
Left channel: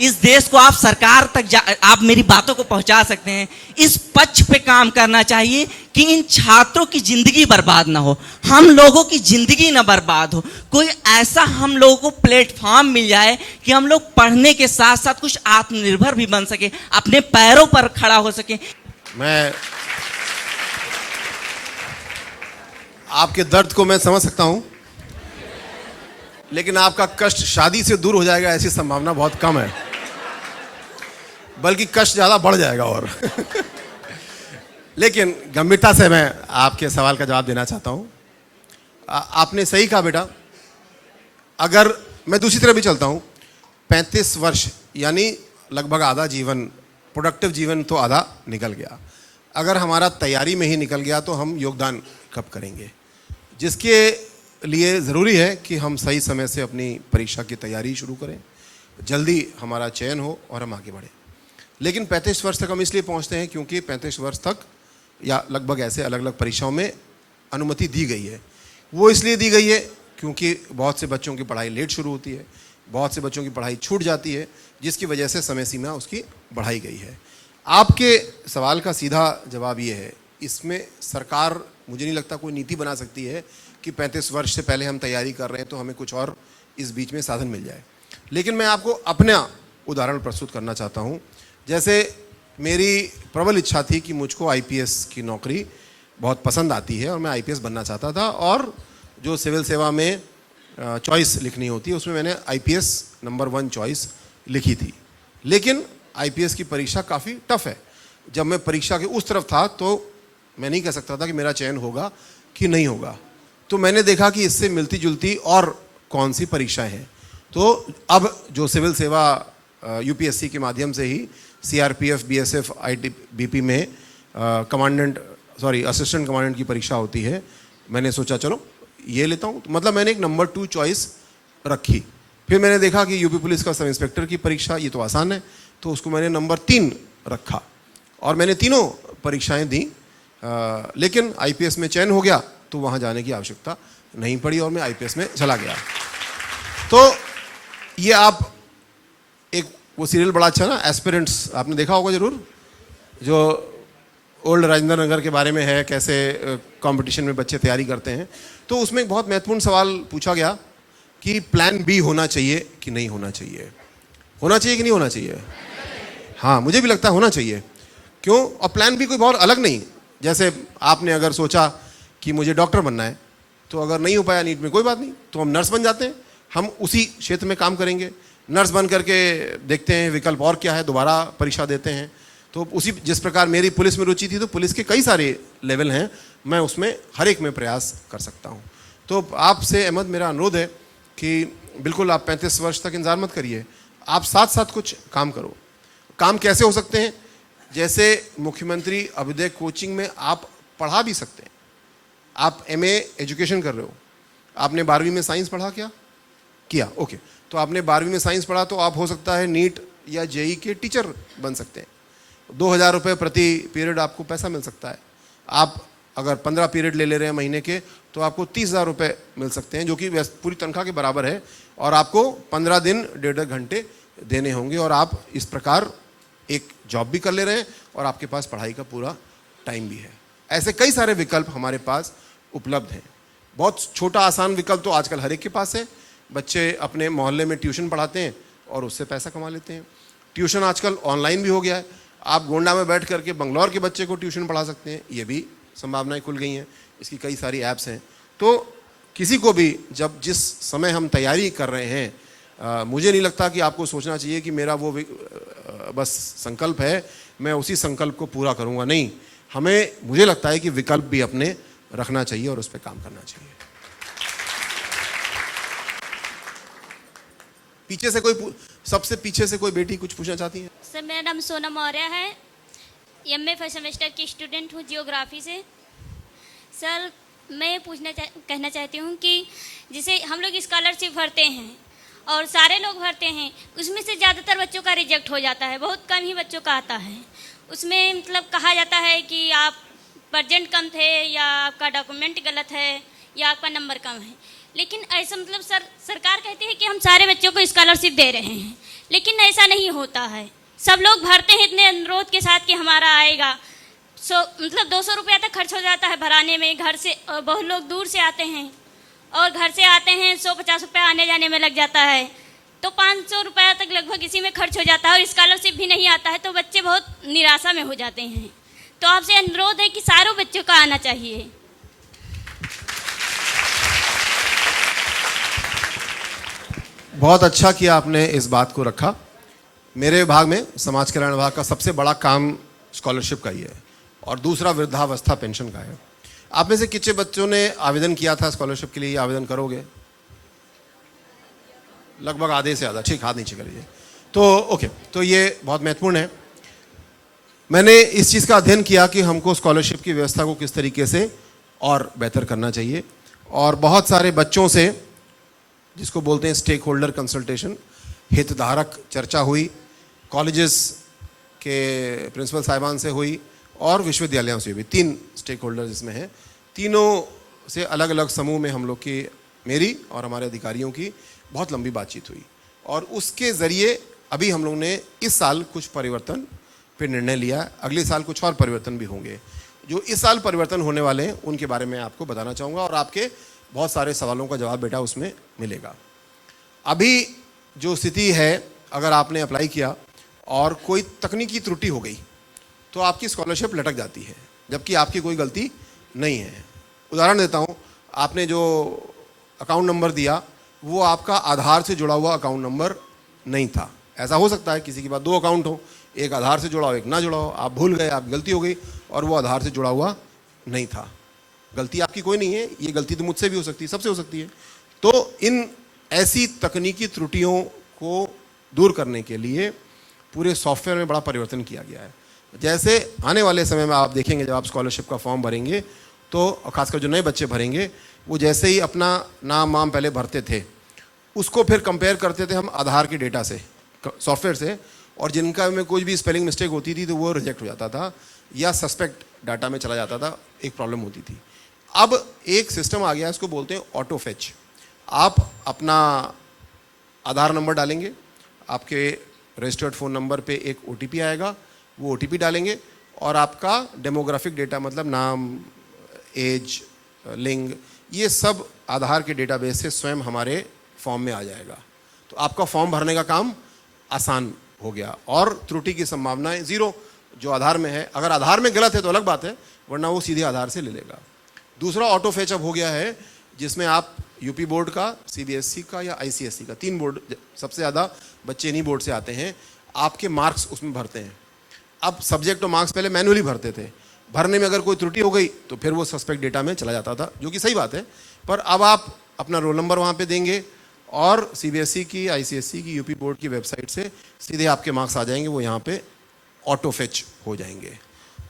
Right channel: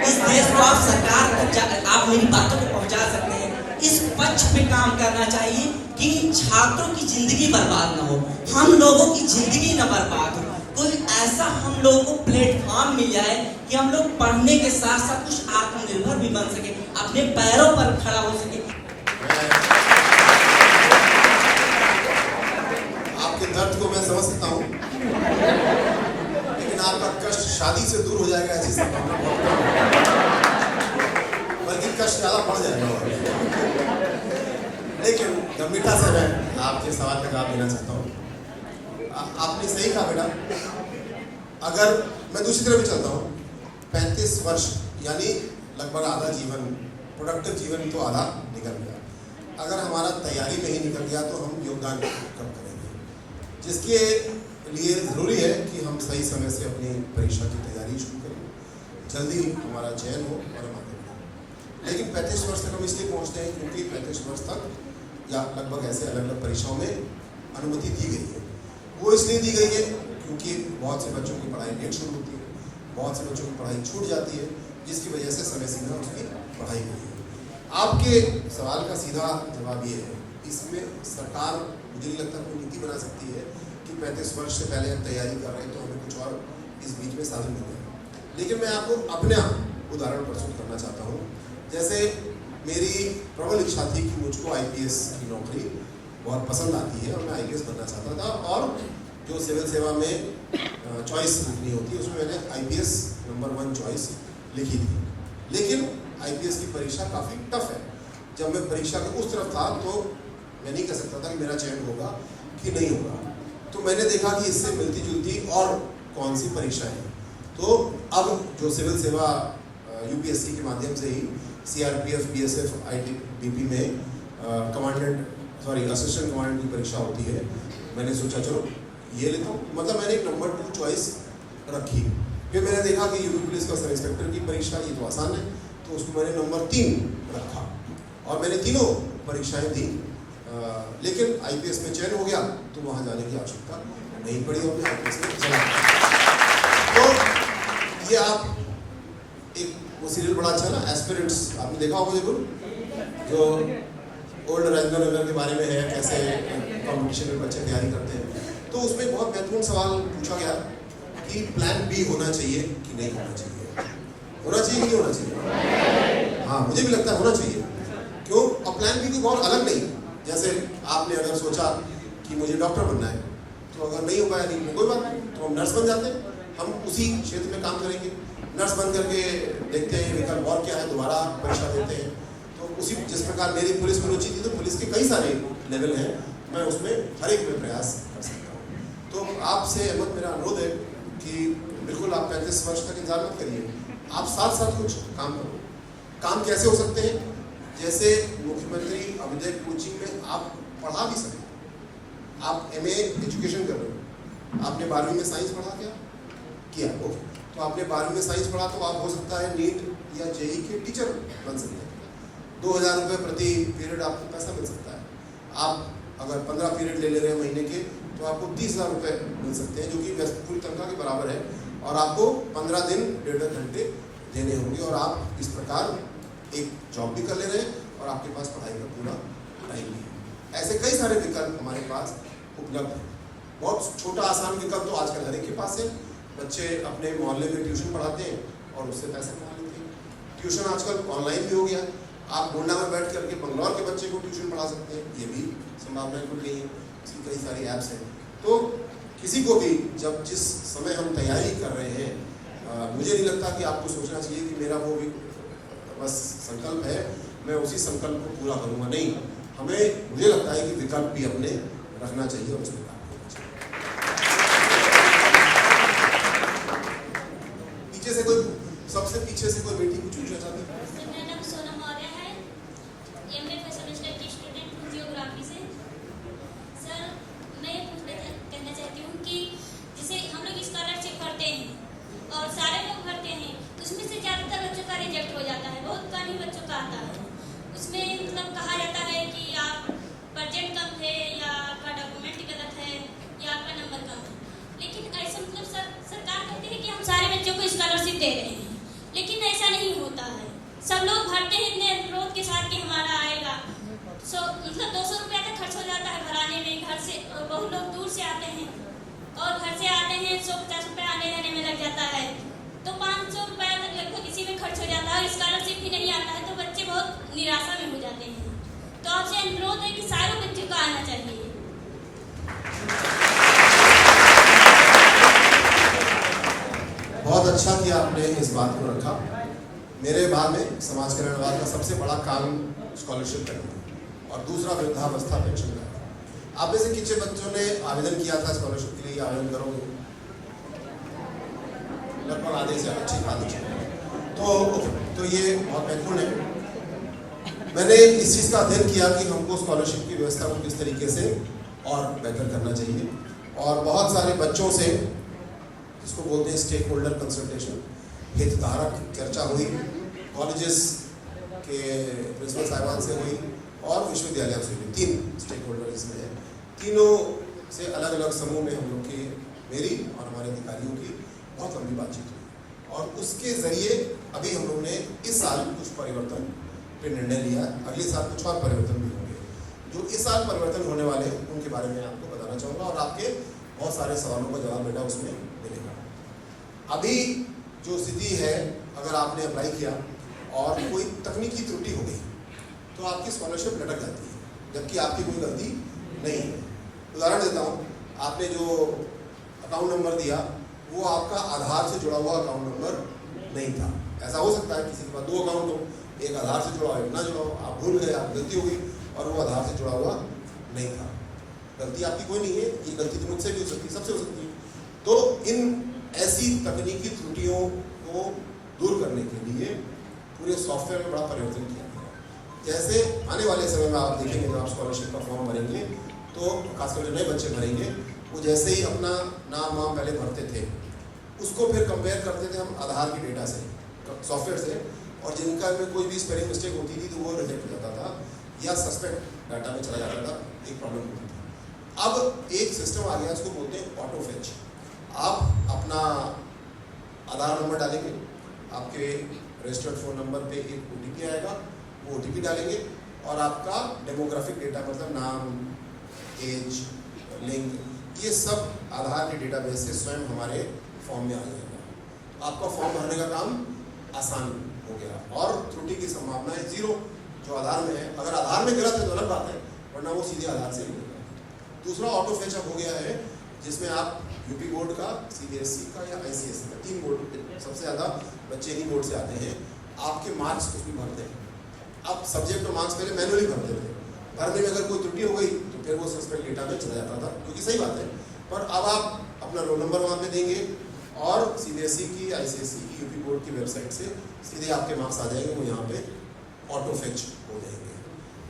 इस देश को आप सरकार तक आप मेरी बातों को पहुंचा सकते हैं, इस पक्ष पे काम करना चाहिए कि इन छात्रों की जिंदगी बर्बाद ना हो, हम लोगों की जिंदगी ना बर्बाद हो। कोई ऐसा हम लोगों को प्लेटफॉर्म मिल जाए कि हम लोग पढ़ने के साथ साथ कुछ आत्मनिर्भर भी बन सके, अपने पैरों पर खड़ा हो सके। मैं आपके दर्द को मैं समझ सकता हूं, लेकिन आपका कष्ट शादी से दूर हो जाएगा ऐसी संभावना बहुत कम है, बल्कि कष्ट ज़्यादा बढ़ जाएगा। और लेकिन गंभीरता से मैं आपके सवाल का जवाब देना चाहता हूँ। आपने सही कहा बेटा। अगर मैं दूसरी तरफ भी चलता हूँ, 35 वर्ष यानी लगभग आधा जीवन, प्रोडक्टिव जीवन तो आधा निकल गया। अगर हमारा तैयारी में ही निकल गया तो हम योगदान कब करेंगे? जिसके लिए ज़रूरी है कि हम सही समय से अपनी परीक्षा की तैयारी शुरू करें, जल्दी हमारा चयन हो और हम आगे बढ़ें। लेकिन 35 वर्ष तक हम इसलिए पहुंचते हैं क्योंकि 35 वर्ष तक या लगभग ऐसे अलग अलग परीक्षाओं में अनुमति दी गई है। वो इसलिए दी गई है क्योंकि बहुत से बच्चों की पढ़ाई लेट शुरू होती है, बहुत से बच्चों की पढ़ाई छूट जाती है, जिसकी वजह से समय सीमा उसकी बढ़ाई गई है। आपके सवाल का सीधा जवाब ये है, इसमें सरकार मुझे नहीं लगता कोई नीति बना सकती है कि 35 वर्ष से पहले हम तैयारी कर रहे हैं तो हमें कुछ और इस बीच में साधन मिल जाए। लेकिन मैं आपको अपना उदाहरण प्रस्तुत करना चाहता हूँ। जैसे मेरी प्रबल इच्छा थी कि मुझको IPS की नौकरी बहुत पसंद आती है और मैं IPS बनना चाहता था, और जो सिविल सेवा में चॉइस लिखनी होती है उसमें मैंने IPS नंबर 1 चॉइस लिखी थी। लेकिन IPS की परीक्षा काफ़ी टफ है। जब मैं परीक्षा के उस तरफ था तो मैं नहीं कह सकता था कि मेरा चयन होगा कि नहीं होगा। तो मैंने देखा कि इससे मिलती जुलती और कौन सी परीक्षाएं हैं। तो अब जो सिविल सेवा UPSC के माध्यम से ही CRPF, BSF, ITBP में असिस्टेंट कमांडेंट की परीक्षा होती है, मैंने सोचा चलो ये लेता हूँ। मतलब मैंने एक नंबर 2 चॉइस रखी। फिर मैंने देखा कि यूपी पुलिस का सब इंस्पेक्टर की परीक्षा ये तो आसान है, तो उसको मैंने नंबर 3 रखा और मैंने तीनों परीक्षाएं दी। लेकिन IPS में चयन हो गया तो वहाँ जाने की आवश्यकता नहीं पड़ी और मैं IPS में चला गया। तो ये आप एक वो सीरियल बड़ा अच्छा ना, एस्पिरेंट्स, आपने देखा होगा ज़रूर, जो ओल्ड राजेंद्र नगर के बारे में है, कैसे कंपटीशन में बच्चे तैयारी करते हैं। तो उसमें एक बहुत महत्वपूर्ण सवाल पूछा गया कि प्लान B होना चाहिए कि नहीं होना चाहिए, होना चाहिए कि नहीं होना चाहिए? हाँ, मुझे भी लगता है होना चाहिए। क्यों? और प्लान B कोई बहुत अलग नहीं। जैसे आपने अगर सोचा कि मुझे डॉक्टर बनना है तो अगर नहीं हो पाया नीट में कोई बात नहीं, तो हम नर्स बन जाते हैं, हम उसी क्षेत्र में काम करेंगे। नर्स बन करके देखते हैं विकल्प और क्या है, दोबारा परीक्षा देते हैं। तो उसी जिस प्रकार मेरी पुलिस में रुचि थी, तो पुलिस के कई सारे लेवल हैं, मैं उसमें हर एक में प्रयास कर सकता हूँ। तो आपसे अहमद मेरा अनुरोध है कि बिल्कुल आप 35 वर्ष तक इंतजार मत करिए, आप साथ साथ कुछ काम करो। काम कैसे हो सकते हैं? जैसे मुख्यमंत्री अभ्युदय कोचिंग में आप पढ़ा भी सकते हैं। आप MA एजुकेशन कर रहे हो, आपने 12वीं में साइंस पढ़ा क्या? किया, ओके। तो आपने 12वीं में साइंस पढ़ा, तो आप हो सकता है नीट या JEE के टीचर बन सकते हैं। 2000 रुपये प्रति पीरियड आपको पैसा मिल सकता है। आप अगर 15 पीरियड ले रहे हैं महीने के, तो आपको 30,000 रुपये मिल सकते हैं, जो कि पूरी तनख्वाह के बराबर है। और आपको 15 दिन 1.5 घंटे देने होंगे, और आप इस प्रकार एक जॉब भी कर ले रहे हैं और आपके पास पढ़ाई का पूरा टाइम भी है। ऐसे कई सारे विकल्प हमारे पास उपलब्ध हैं। बहुत छोटा आसान विकल्प तो आजकल हर एक के पास है। बच्चे अपने मोहल्ले में ट्यूशन पढ़ाते हैं और उससे पैसा कमा लेते हैं। ट्यूशन आजकल ऑनलाइन भी हो गया है। आप गोंडा में बैठ करके बंगलौर के बच्चे को ट्यूशन पढ़ा सकते हैं, ये भी संभावनाएं खुल गई हैं। इसकी कई सारी ऐप्स हैं। तो किसी को भी जब जिस समय हम तैयारी कर रहे हैं, मुझे नहीं लगता कि आपको सोचना चाहिए कि मेरा वो बस संकल्प है, मैं उसी संकल्प को पूरा करूँगा। नहीं, मुझे लगता है कि विकल्प भी अपने रखना चाहिए और उस पर काम करना चाहिए। पीछे से सबसे पीछे से कोई बेटी कुछ पूछना चाहती है? सर, मेरा नाम सोनम मौर्य है, MA फर्स्ट सेमेस्टर की स्टूडेंट हूँ जियोग्राफी से। सर, मैं कहना चाहती हूँ कि जिसे हम लोग स्कॉलरशिप भरते हैं और सारे लोग भरते हैं, उसमें से ज़्यादातर बच्चों का रिजेक्ट हो जाता है, बहुत कम ही बच्चों का आता है। उसमें मतलब कहा जाता है कि आप परसेंट कम थे, या आपका डॉक्यूमेंट गलत है, या आपका नंबर कम है। लेकिन ऐसा मतलब सरकार कहती है कि हम सारे बच्चों को स्कॉलरशिप दे रहे हैं, लेकिन ऐसा नहीं होता है। सब लोग भरते हैं इतने अनुरोध के साथ कि हमारा आएगा, मतलब 200 रुपया तक खर्च हो जाता है भराने में। घर से बहुत लोग दूर से आते हैं, और घर से आते हैं 150 रुपया आने जाने में लग जाता है, तो 500 रुपया तक लगभग इसी में खर्च हो जाता है, और स्कॉलरशिप भी नहीं आता है, तो बच्चे बहुत निराशा में हो जाते हैं। तो आपसे अनुरोध है कि सारों बच्चों का आना चाहिए। बहुत अच्छा किया आपने इस बात को रखा। मेरे विभाग में, समाज कल्याण विभाग का सबसे बड़ा काम स्कॉलरशिप का ही है, और दूसरा वृद्धावस्था पेंशन का है। आप में से कितने बच्चों ने आवेदन किया था स्कॉलरशिप के लिए? आवेदन करोगे? लगभग आधे से ज़्यादा, ठीक, आधे चाहिए। तो ओके, तो ये बहुत महत्वपूर्ण है। मैंने इस चीज़ का अध्ययन किया कि हमको स्कॉलरशिप की व्यवस्था को किस तरीके से और बेहतर करना चाहिए, और बहुत सारे बच्चों से, जिसको बोलते हैं स्टेक होल्डर कंसल्टेशन, हितधारक चर्चा हुई, कॉलेजेस के प्रिंसिपल साहिबान से हुई और विश्वविद्यालयों से हुई। 3 स्टेक होल्डर इसमें हैं। तीनों से अलग अलग समूह में हम लोग की, मेरी और हमारे अधिकारियों की बहुत लंबी बातचीत हुई, और उसके ज़रिए अभी हम लोग ने इस साल कुछ परिवर्तन पे निर्णय लिया। अगले साल कुछ और परिवर्तन भी होंगे। जो इस साल परिवर्तन होने वाले हैं उनके बारे में आपको बताना चाहूँगा, और आपके बहुत सारे सवालों का जवाब बेटा उसमें मिलेगा। अभी जो स्थिति है, अगर आपने अप्लाई किया और कोई तकनीकी त्रुटि हो गई, तो आपकी स्कॉलरशिप लटक जाती है, जबकि आपकी कोई गलती नहीं है। उदाहरण देता हूँ, आपने जो अकाउंट नंबर दिया वो आपका आधार से जुड़ा हुआ अकाउंट नंबर नहीं था। ऐसा हो सकता है किसी के पास 2 अकाउंट हो, एक आधार से जुड़ा हो, एक ना जुड़ा हो, आप भूल गए, आप गलती हो गई, और वो आधार से जुड़ा हुआ नहीं था। गलती आपकी कोई नहीं है, ये गलती तो मुझसे भी हो सकती है, सबसे हो सकती है। तो इन ऐसी तकनीकी त्रुटियों को दूर करने के लिए पूरे सॉफ्टवेयर में बड़ा परिवर्तन किया गया है। जैसे आने वाले समय में आप देखेंगे, जब आप स्कॉलरशिप का फॉर्म भरेंगे, तो खासकर जो नए बच्चे भरेंगे, वो जैसे ही अपना नाम वाम पहले भरते थे, उसको फिर कंपेयर करते थे हम आधार के डेटा से, सॉफ्टवेयर से, और जिनका में कोई भी स्पेलिंग मिस्टेक होती थी तो वो रिजेक्ट हो जाता था, या सस्पेक्ट डाटा में चला जाता था, एक प्रॉब्लम होती थी। अब एक सिस्टम आ गया, इसको बोलते हैं ऑटो फेच। आप अपना आधार नंबर डालेंगे, आपके रजिस्टर्ड फ़ोन नंबर पे एक OTP आएगा, वो OTP डालेंगे, और आपका डेमोग्राफिक डेटा, मतलब नाम, एज, लिंग, ये सब आधार के डेटाबेस से स्वयं हमारे फॉर्म में आ जाएगा। तो आपका फॉर्म भरने का काम आसान हो गया, और त्रुटि की संभावनाएं 0 जो आधार में है। अगर आधार में गलत है तो अलग बात है, वरना वो सीधे आधार से ले लेगा। दूसरा ऑटो फेच अब हो गया है, जिसमें आप यूपी बोर्ड का, सीबीएसई का या आईसीएसई का, 3 बोर्ड, सबसे ज़्यादा बच्चे इन्हीं बोर्ड से आते हैं, आपके मार्क्स उसमें भरते हैं। अब सब्जेक्ट और मार्क्स पहले मैनुअली भरते थे, भरने में अगर कोई त्रुटि हो गई तो फिर वो सस्पेक्ट डेटा में चला जाता था, जो कि सही बात है। पर अब आप अपना रोल नंबर वहाँ पे देंगे और सीबीएसई की, आईसीएसई की, यूपी बोर्ड की वेबसाइट से सीधे आपके मार्क्स आ जाएंगे, वो यहाँ पे ऑटो फेच हो जाएंगे।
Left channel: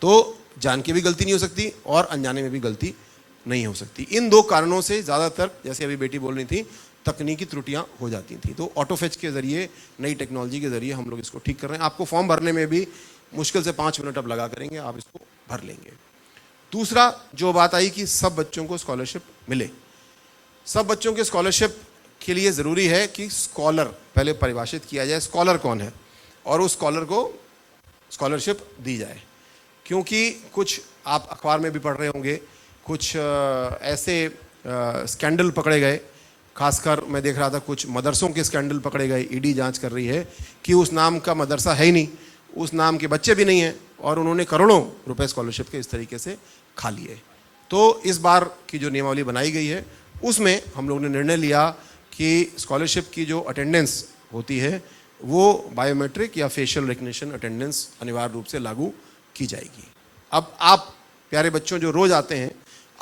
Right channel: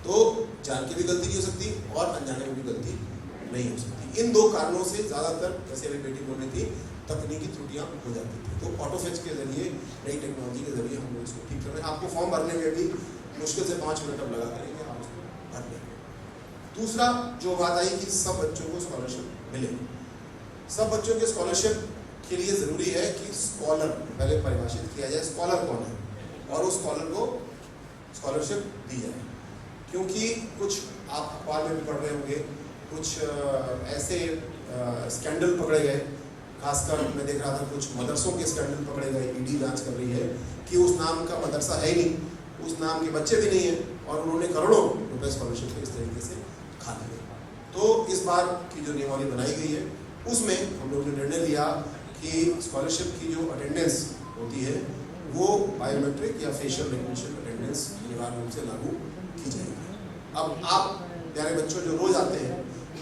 तो जान के भी गलती नहीं हो सकती और अनजाने में भी गलती नहीं हो सकती। इन 2 कारणों से ज़्यादातर, जैसे अभी बेटी बोल रही थी, तकनीकी त्रुटियां हो जाती थी। तो ऑटो फेच के ज़रिए, नई टेक्नोलॉजी के ज़रिए हम लोग इसको ठीक कर रहे हैं। आपको फॉर्म भरने में भी मुश्किल से 5 मिनट अब लगा करेंगे, आप इसको भर लेंगे। दूसरा जो बात आई कि सब बच्चों को स्कॉलरशिप मिले, सब बच्चों के स्कॉलरशिप के लिए ज़रूरी है कि स्कॉलर पहले परिभाषित किया जाए, स्कॉलर कौन है, और उस स्कॉलर को स्कॉलरशिप दी जाए। क्योंकि कुछ आप अखबार में भी पढ़ रहे होंगे, कुछ ऐसे स्कैंडल पकड़े गए, खासकर मैं देख रहा था कुछ मदरसों के स्कैंडल पकड़े गए, ईडी जांच कर रही है कि उस नाम का मदरसा है ही नहीं, उस नाम के बच्चे भी नहीं हैं, और उन्होंने करोड़ों रुपए स्कॉलरशिप के इस तरीके से खा लिए। तो इस बार की जो नियमावली बनाई गई है उसमें हम लोगों ने निर्णय लिया कि स्कॉलरशिप की जो अटेंडेंस होती है वो बायोमेट्रिक या फेशियल रिकग्निशन अटेंडेंस अनिवार्य रूप से लागू की जाएगी। अब आप प्यारे बच्चों जो रोज़ आते हैं,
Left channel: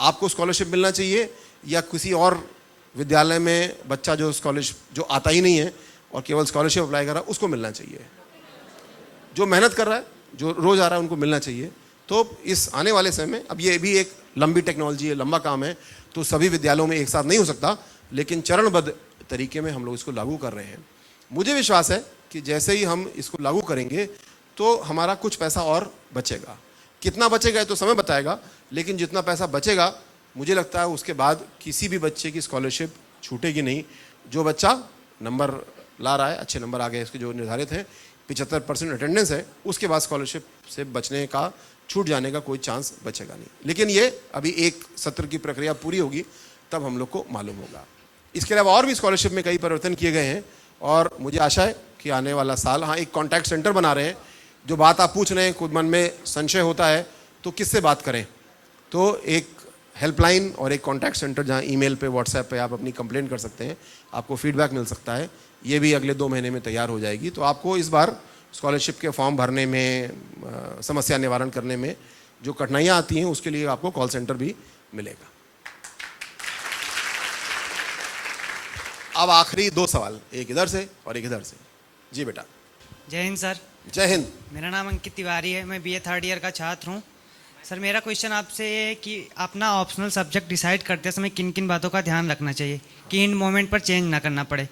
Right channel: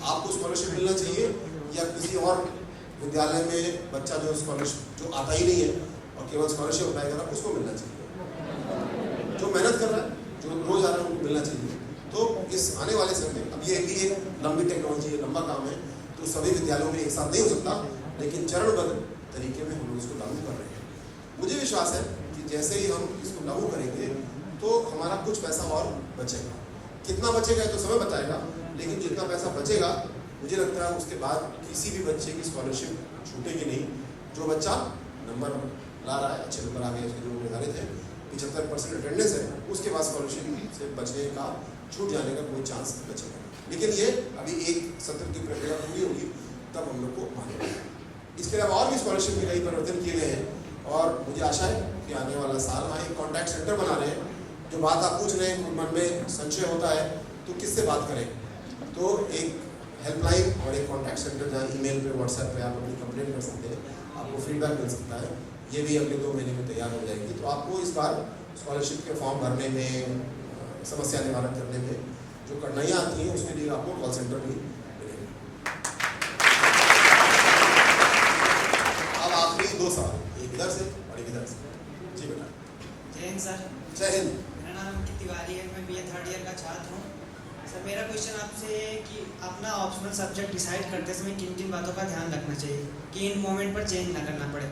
आपको स्कॉलरशिप मिलना चाहिए या किसी और विद्यालय में बच्चा जो स्कॉलरशिप जो आता ही नहीं है और केवल स्कॉलरशिप अप्लाई कर रहा है उसको मिलना चाहिए? जो मेहनत कर रहा है, जो रोज़ आ रहा है, उनको मिलना चाहिए। तो इस आने वाले समय में, अब ये भी एक लंबी टेक्नोलॉजी है, लंबा काम है, तो सभी विद्यालयों में एक साथ नहीं हो सकता, लेकिन चरणबद्ध तरीके में हम लोग इसको लागू कर रहे हैं। मुझे विश्वास है कि जैसे ही हम इसको लागू करेंगे तो हमारा कुछ पैसा और बचेगा। कितना बचेगा तो समय बताएगा, लेकिन जितना पैसा बचेगा मुझे लगता है उसके बाद किसी भी बच्चे की स्कॉलरशिप छूटेगी नहीं। जो बच्चा नंबर ला रहा है, अच्छे नंबर आ गए, उसके जो निर्धारित है 75% अटेंडेंस है, उसके बाद स्कॉलरशिप से बचने का, छूट जाने का कोई चांस बचेगा नहीं। लेकिन ये अभी एक सत्र की प्रक्रिया पूरी होगी तब हम लोग को मालूम होगा। इसके अलावा और भी स्कॉलरशिप में कई परिवर्तन किए गए हैं और मुझे आशा है कि आने वाला साल, हाँ, एक कॉन्टैक्ट सेंटर बना रहे हैं। जो बात आप पूछ रहे हैं, खुद मन में संशय होता है तो किससे बात करें, तो एक हेल्पलाइन और एक कॉन्टैक्ट सेंटर जहाँ ईमेल पे, व्हाट्सएप पे आप अपनी कंप्लेंट कर सकते हैं, आपको फीडबैक मिल सकता है। ये भी अगले 2 महीने में तैयार हो जाएगी। तो आपको इस बार स्कॉलरशिप के फॉर्म भरने में, समस्या निवारण करने में जो कठिनाइयाँ आती हैं उसके लिए आपको कॉल सेंटर भी मिलेगा। अब आखिरी 2 सवाल, एक इधर से और एक इधर से। जी बेटा। जय हिंद सर। जय हिंद। मेरा नाम अंकित तिवारी है, मैं बीए 3rd ईयर का छात्र हूँ। सर मेरा क्वेश्चन आपसे है कि अपना ऑप्शनल सब्जेक्ट डिसाइड करते समय किन किन बातों का ध्यान रखना चाहिए कि इन मोमेंट पर चेंज ना करना पड़े।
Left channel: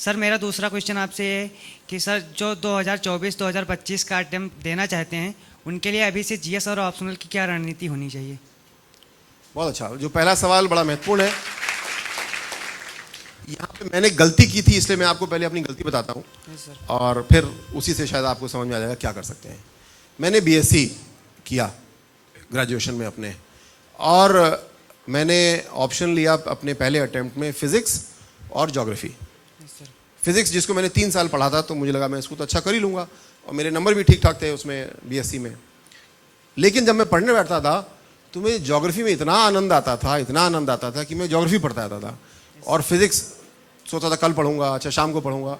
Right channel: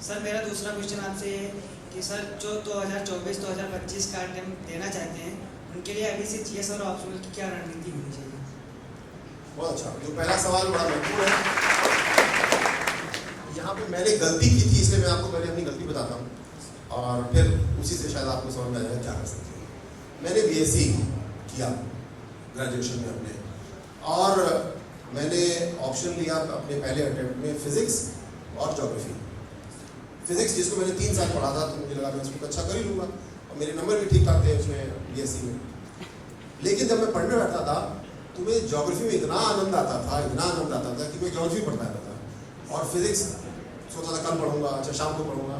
सर मेरा दूसरा क्वेश्चन आपसे है कि सर जो 2024-2025 का अटेम्प्ट देना चाहते हैं उनके लिए अभी से जीएस और ऑप्शनल की क्या रणनीति होनी चाहिए? बहुत अच्छा। जो पहला सवाल बड़ा महत्वपूर्ण है। यहाँ पे मैंने गलती की थी, इसलिए मैं आपको पहले अपनी गलती बताता हूँ और फिर उसी से शायद आपको समझ में आ जाएगा क्या कर सकते हैं। मैंने बीएससी किया ग्रेजुएशन में अपने, और मैंने ऑप्शन लिया अपने पहले अटेम्प्ट में फिज़िक्स और ज्योग्राफी। फिज़िक्स जिसको मैंने 3 साल पढ़ा था, तो मुझे लगा मैं इसको तो अच्छा कर ही लूँगा और मेरे नंबर भी ठीक ठाक थे उसमें बीएससी में। लेकिन जब मैं पढ़ने बैठता था तो मुझे ज्योग्राफी में इतना आनंद आता था कि मैं ज्योग्राफी पढ़ता रहता था और फिज़िक्स सोचता था कल पढ़ूंगा, अच्छा शाम को पढ़ूंगा।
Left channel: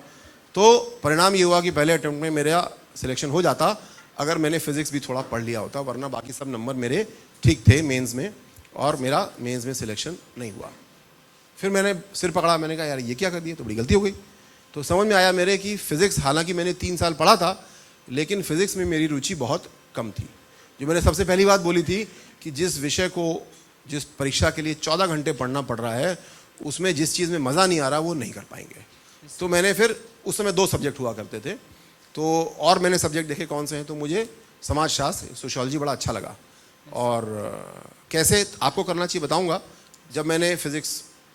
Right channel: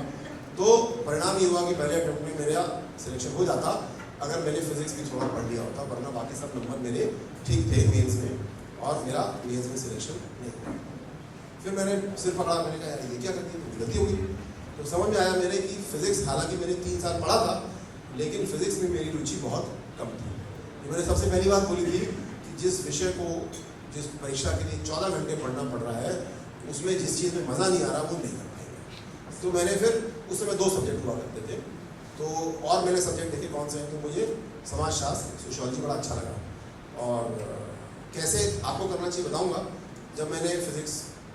तो परिणाम ये हुआ कि पहले अटेम्प्ट में मेरा सिलेक्शन हो जाता अगर मैंने फिज़िक्स भी थोड़ा पढ़ लिया होता, वरना बाकी सब नंबर मेरे ठीक थे मेंस में और मेरा मेंस में सिलेक्शन नहीं हुआ। फिर मैंने सिर पकड़ा, मैंने कहा यार ये क्या कर दिया, तो बड़ी गलती हो गई। तो समझ में आया मेरे कि फ़िज़िक्स, हालांकि मैंने 3 साल पढ़ा था, लेकिन फ़िज़िक्स में मेरी रुचि बहुत कम थी। जो मैंने सबसे पहली बात बोली थी कि जिस विषय को, जिस परीक्षा के लिए 14 घंटे पढ़ना पड़ रहा है, उसमें जिस चीज़ में मज़ा नहीं आ रहा वो नहीं कर पाएंगे। तो मैंने फिर उस समय 2 सब्जेक्ट हुआ करते थे, तो और मैंने सब्जेक्ट देखे कौन से हैं, तो मुझे समाजशास्त्र, सोशियोलॉजी बड़ा अच्छा लगा। और कैसे आपको करना चाहिए बताऊंगा। जब मैंने फिज़िक्स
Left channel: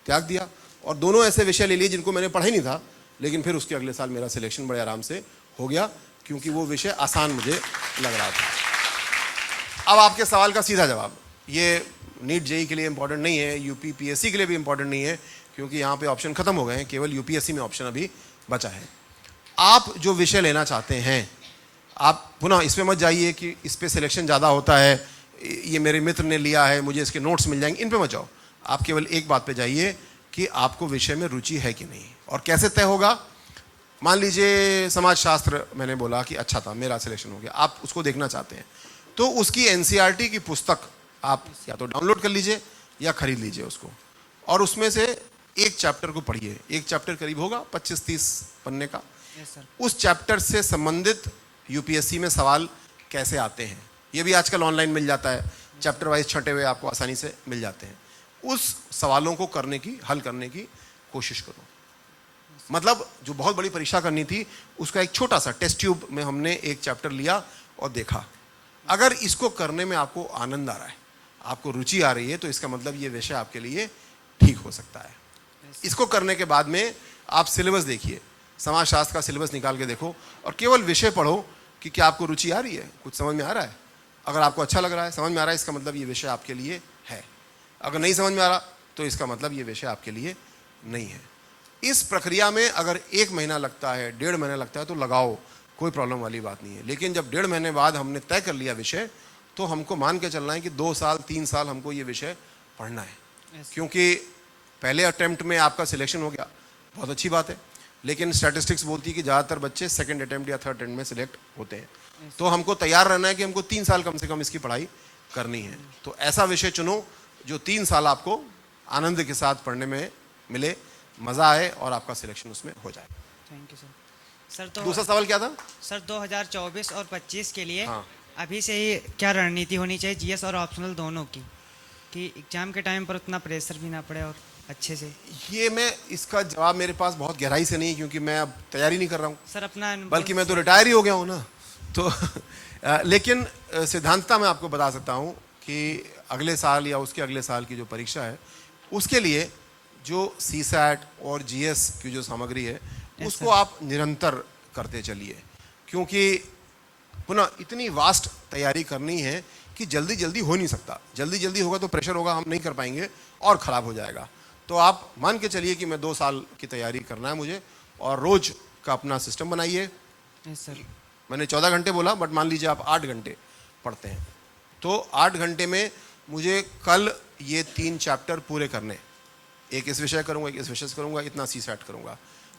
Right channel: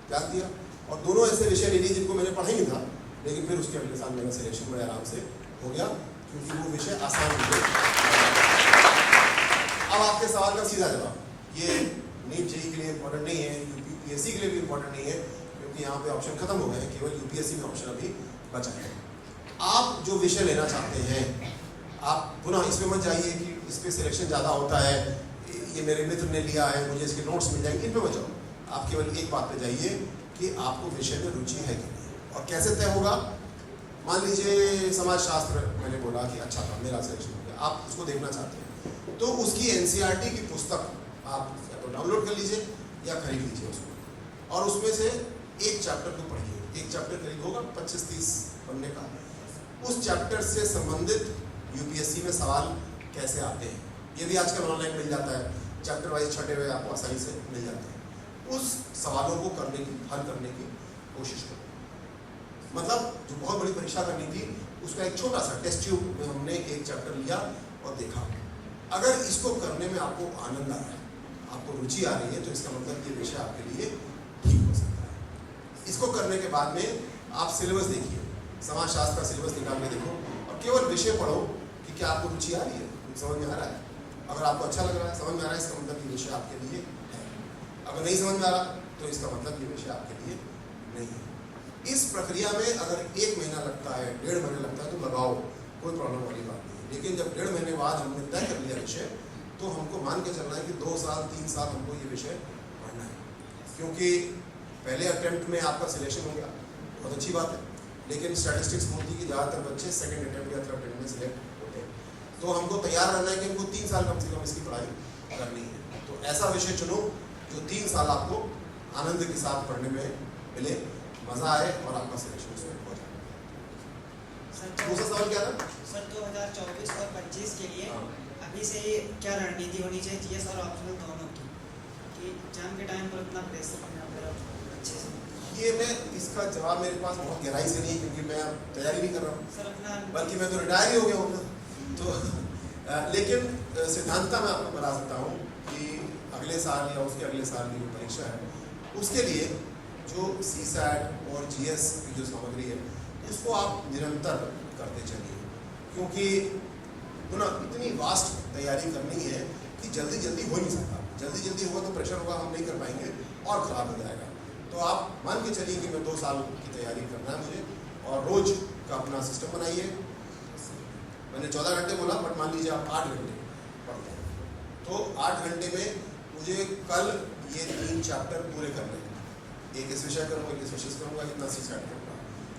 त्याग दिया और दोनों ऐसे विषय ले लिए जिनको मैंने पढ़ा ही नहीं था, लेकिन फिर उसके अगले साल मेरा सिलेक्शन बड़े आराम से हो गया क्योंकि वो विषय आसान मुझे लगा। अब आपके सवाल का सीधा जवाब, ये नीट जेई के लिए इम्पोर्टेंट नहीं है, यूपी पीएससी के लिए भी इम्पोर्टेंट नहीं है, क्योंकि यहाँ पे ऑप्शन खत्म हो गए हैं, केवल यूपीएससी में ऑप्शन अभी बचा है। आप जो विषय लेना चाहते हैं, आप पुनः इसमें मत जाइए कि इस पे सिलेक्शन ज़्यादा होता है, ये मेरे मित्र ने लिया है, मुझे इसके नोट्स मिल जाएंगे, इन पे मत जाओ। आप केवल एक बात पे जाइए कि आपको विषय में रुचि है कि नहीं। और कैसे तय होगा? मान लीजिए समाजशास्त्र मैंने बोला कि अच्छा था, मेरा सिलेक्शन हो गया, आप उसको देखना चाहते हैं तो उसकी एनसीईआरटी की पुस्तक आप या तो डाउनलोड कर लीजिए या खरीद लीजिए उसको, और उसमें से एक चैप्टर को पढ़िए। एक चैप्टर करीब होगा 25-30 पन्ने का। उस चैप्टर से संबंधित यूपीएससी में सवाल कैसे आते हैं ये भी आजकल ऑनलाइन मिल जाता है, चैप्टर वाइज छटे हुए आपको आसानी से मिल जाते हैं। उस सवालों को करने की, हल करने की कोशिश करो। मतलब जो बहुत बड़ी परीक्षा करनी थी उसका एक छोटा सा टेस्ट ट्यूब में हमने एक चैप्टर लिया और देखा। अगर इसको करने में आपको आनंद आ रहा है, आपको रुचि आ रही है, तो इसका मतलब ये विषय आपके लिए ठीक हो सकता है। इसको करने के बाद में आप सिलेबस देखिए, समाजशास्त्र का सिलेबस निकाल के देखो और केवल विषय पढ़ो कि क्या आपको रुचि आ रही है, कुछ समझ में आ रहा है। अगर आपको अच्छा लग रहा है, समझ में आ रहा है, इसका मतलब ये विषय आपके लिए है। अगर नहीं समझ में आ रहा तो इसका मतलब ये विषय आपके लिए नहीं है। इस प्रक्रिया में अगर 1 महीना लगता है, 1.5 महीना लगता है तो लगाओ, कोई प्रॉब्लम वाली बात नहीं है। लेकिन जब 1.5 महीने बाद हमने तय कर लिया विषय, तो हमको मान के चलना है कि 2 साल 3 साल हमको ये विषय पढ़ना है। क्योंकि पहले अटेम्प्ट में आपका सिलेक्शन हो गया, बहुत अच्छी बात है, लेकिन स्टैटिस्टिक्स बोलती है कि ज़्यादातर बच्चे सेकंड अटेम्प्ट या थर्ड अटेम्प्ट में सिलेक्ट होते हैं। तो हमको तैयार रहना है कि हमको 3 साल कम से कम इसकी पढ़ाई करनी है। तो ऐसा विषय चुनो जो 3 साल आपको आनंद के साथ पढ़ने में मिले, मज़ा आए और आपका सिलेक्शन उसमें हो जाए। सर तो दूसरा सवाल क्या था? सर 2024 और 25 के लिए हाँ। अभी से ही क्या रणनीति होनी चाहिए जीएस और ऑप्शनल दोनों की, कि एग्जाम के टाइम पर उतना प्रेशर भी ना पड़े और अच्छे से? ये मैं इसका जवाब मेरे पास बहुत गहराई से नहीं, क्योंकि मैं अब तैयारी नहीं कर रहा हूँ, सर अपना बल्कि मैं तो रिटायर ही हो गया हूँ ना। तो लेकिन सिद्धांतता मैं आपको बता सकता हूँ कि अगले साल या उसके अगले साल की जो परीक्षा है उसके लिए जो सीसैट और जीएस की जो सामग्री है उसको आप निरंतर करते चलिए, क्योंकि पुनः इतनी वास्ट तैयारी करनी है कि जल्दी जल्दी हो नहीं सकता। जल्दी जल्दी होगा तो प्रेशर होगा, हम नहीं कर पाएंगे और ख़राब हो जाएगा। तो आप मान के चलिए कि मैं 2 साल की तैयारी करना है मुझे, और रोज़ का अपना सिस्टम बनाइए। सर मैंने 14 घंटे बोला, बट मान लीजिए आप 8 घंटे पढ़ते हैं, तो 8 घंटे में मुझे कल ये 3 चैप्टर पूरे करने, एक इस विषय करूँगा, एक इस विषय से करूँगा, इतना सीसैट करूँगा।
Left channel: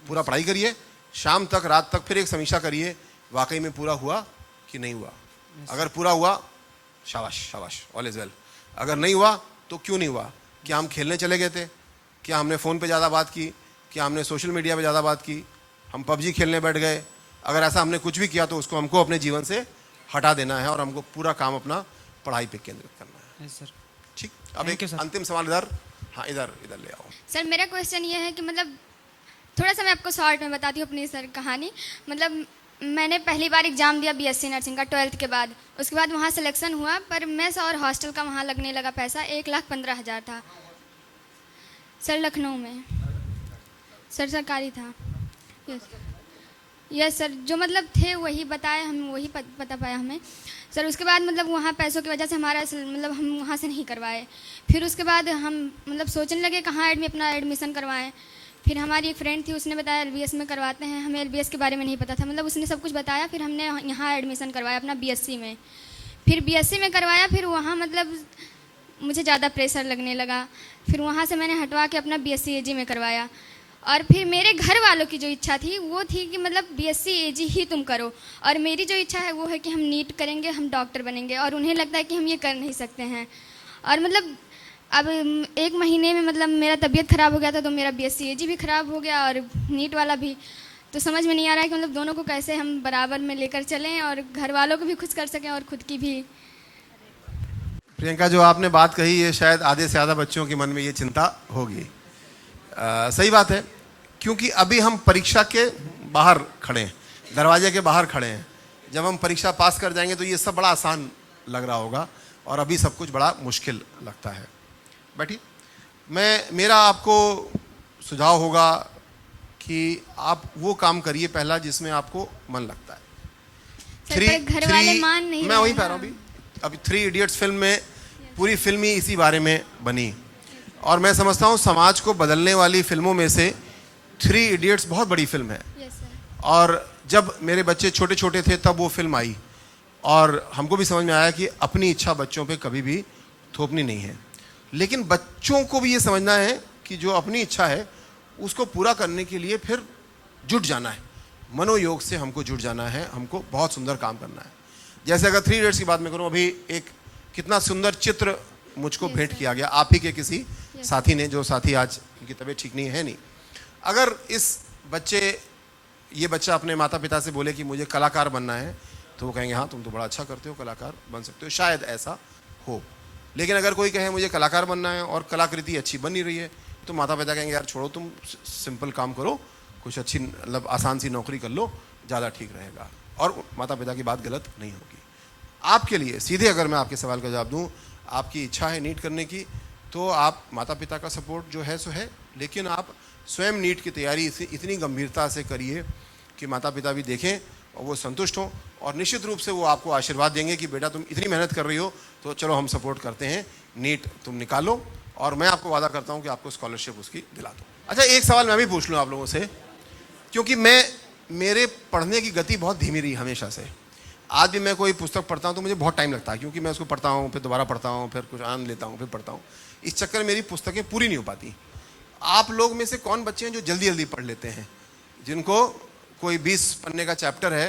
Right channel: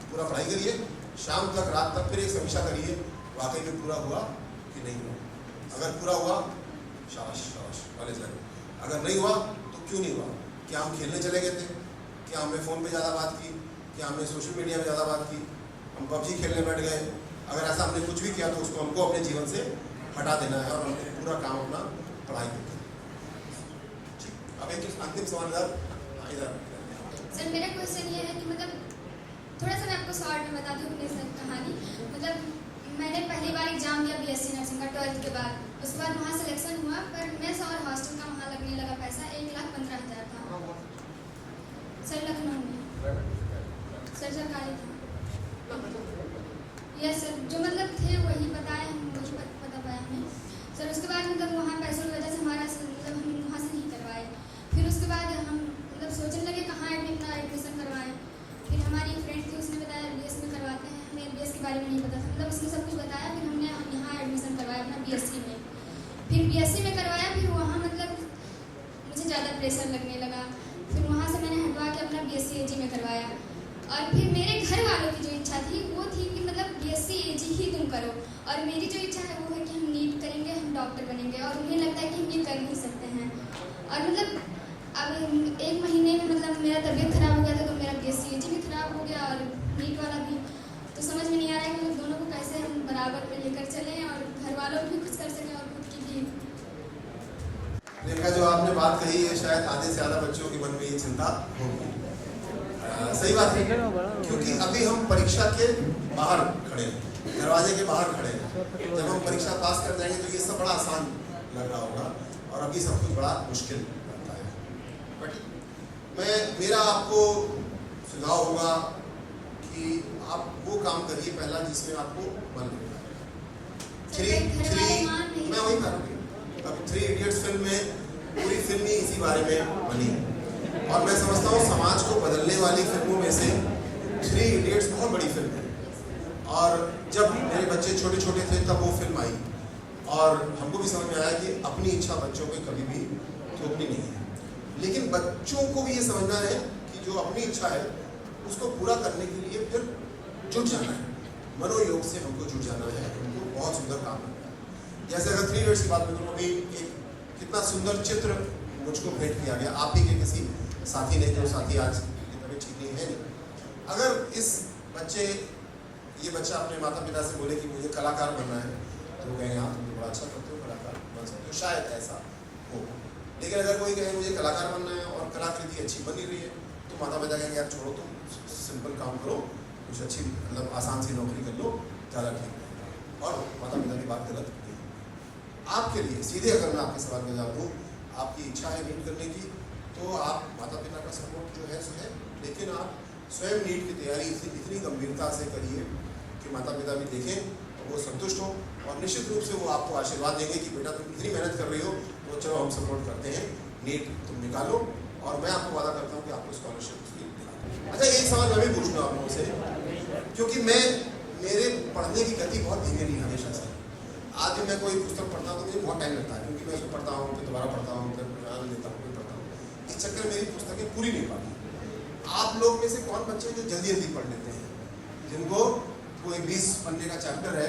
पूरा पढ़ाई करिए, शाम तक, रात तक, फिर एक समीक्षा करिए वाकई में पूरा हुआ कि नहीं हुआ। अगर पूरा हुआ शाबाश शाबाश, ऑल इज वेल। अगर नहीं हुआ तो क्यों नहीं हुआ? क्या हम खेलने चले गए थे? क्या हमने फ़ोन पे ज़्यादा बात की? क्या हमने सोशल मीडिया पे ज़्यादा बात की? हम पबजी खेलने बैठ गए? अगर ऐसा हमने कुछ भी किया तो उसको हमको अपने जीवन से हटा देना है और हमको पूरा काम अपना पढ़ाई पे केंद्रित करना है। ठीक, अब एक अंतिम सवाल इधर, हाँ इधर ले आओ। सर मेरा क्वेश्चन ये है कि मतलब थोड़ा सा मैं आपको शॉर्ट में बताती हूँ अपनी सर कहानी। मतलब मैंने पहली बार एग्ज़ाम दिया बीएससी नर्सिंग का 12th के बाद। उसके बाद वहाँ सिलेक्शन हुआ, पर मेस और हॉस्टल का वहाँ लगने लगा पैसा 1,15,000 था सर, लखनऊ में। सर सरकारी था। यस सर, जो मतलब थे वही बताए, हम वही पता पाया हमें सर। उसके बाद मतलब वहाँ पैसों की वजह से हमारा मतलब हम वहाँ से नहीं करवाए। फिर उसके बाद हम मतलब सोचने लगे कहाँ अपना एडमिशन करवाएं। फिर हमारी फ्रेंड थी, उसने बताया एलबीएस में करवाते हैं। हमें एलबीएस के बारे में नहीं पता था, मतलब उसने सब कुछ बताया। फिर हमने यहाँ एडमिशन करवाया अपना बीएससी में। फिर बीएससी में करवाया, फिर वहाँ मतलब मुझे ज़्यादा प्रेशर लगने लगा। फिर वहाँ से मैंने हटवा के अपना बीएससी एजी में करवाया। और फिर मेरे घर वालों की जो इच्छा थी वो थी कि मतलब बीएससी एजी ही तुम करो, और मेरी जो इच्छा है वो है कि हम नीट करेंगे, हम डॉक्टर बनेंगे। और उन्हें लगता है कि हम ये कर नहीं सकते हैं। और मतलब अब 1 महीने में मतलब मेरा तबीयत ख़राब हो गया था, तो मेरा बीएससी एजी भी ख़राब हो गया और नीट वाला भी। तो समझ में नहीं आ रहा है कि मतलब दोनों को कैसे हम बराबर में लेकर चलें और घर वालों को भी खुश कर सकें और खुद की भी। प्रियंका, जो आपने बात कही है शायद आधे से ज़्यादा बच्चों के मन में ये चिंता होगी। सही बात है, क्योंकि अभी हम परीक्षा के बाहर खड़े हैं, दरवाजे के बाहर खड़े हैं। जब हम परीक्षा पास कर जाएंगे तो ये सब बड़ा आसान लग रहा होगा, और अभी सब कुछ बड़ा मुश्किल लगता है। बैठी, मेरा आपको सुझाव होगा कि आप वो काम करिए पहला जिसमें आपको मन लगता है। घर वाले मान नहीं, मैं वही कह रहा हूँ अभी 3 इडियट्स फिल्म में पूरी फिल्म ही इसी बारे में बनी, और मैं समझता हूँ समाज को बदलने वाली फिल्मों में से 3 इडियट्स बहुत बड़ी फिल्म है। और जब मेरे बच्चे छोटे छोटे थे तब वो फिल्म आई, और हमको भी समझ में आया कि अपनी इच्छा बच्चों पे कभी भी थोपनी नहीं है। लेकिन बच्चों को भी ये समझना है कि जो अपनी इच्छा है उसको पूरा करने के लिए फिर जुट जाना है, मनोयोग से हमको जुट जाना है, हमको बहुत सुंदर काम करना है। जैसे अगर 3 इडियट्स की बात मैं करूँ, अभी एक कितना सुंदर चित्र मुझको भेंट किया गया आप ही के किसी साथी ने, जो साथी आज की तबीयत ठीक नहीं है नहीं। अगर ये बच्चा अपने माता पिता से बोले कि मुझे कलाकार बनना है, तो वो कहेंगे हाँ तुम तो बड़ा अच्छा करते हो, कलाकार बन सकते हो, शायद ऐसा हो। लेकिन अगर कोई कहे मुझे कलाकार बनना है और कलाकृति अच्छी बन नहीं रही है, तो माता पिता कहेंगे यार छोड़ो, तुम सिंपल काम करो, कुछ अच्छी मतलब आसान सी नौकरी कर लो, ज़्यादा ठीक रहेगा, और माता पिता की बात गलत नहीं होगी। आपके लिए सीधे अगर मैं आपके सवाल का जवाब दूँ, आपकी इच्छा है नीट करने की, तो आप माता पिता का सपोर्ट जो है सो है, लेकिन आप स्वयं नीट की तैयारी से इतनी गंभीरता से करिए कि माता पिता भी देखें और वो संतुष्ट हों, और निश्चित रूप से वो आपको आशीर्वाद देंगे कि बेटा तुम इतनी मेहनत कर रही हो तो चलो हम सपोर्ट करते हैं, नीट तुम निकालो, और मैं आपको वादा करता हूँ कि आपको स्कॉलरशिप उसकी दिला दूँ। अच्छा, एक सवाल मैं भी पूछ लूँ आप लोगों से, क्योंकि मेरे पढ़ने की गति बहुत धीमी रही हमेशा से। आज भी मैं कोई पुस्तक पढ़ता हूँ तो मुझे बहुत टाइम लगता है, क्योंकि मैं उसको पढ़ता हूँ, फिर दोबारा पढ़ता हूँ, फिर कुछ आनंद लेता हूँ, फिर पढ़ता हूँ। इस चक्कर में मेरी पुस्तकें पूरी नहीं हो पाती। आप लोग में से कौन बच्चे हैं जो जल्दी जल्दी पढ़ लेते हैं, जिनको कोई 20 पन्ने का चैप्टर है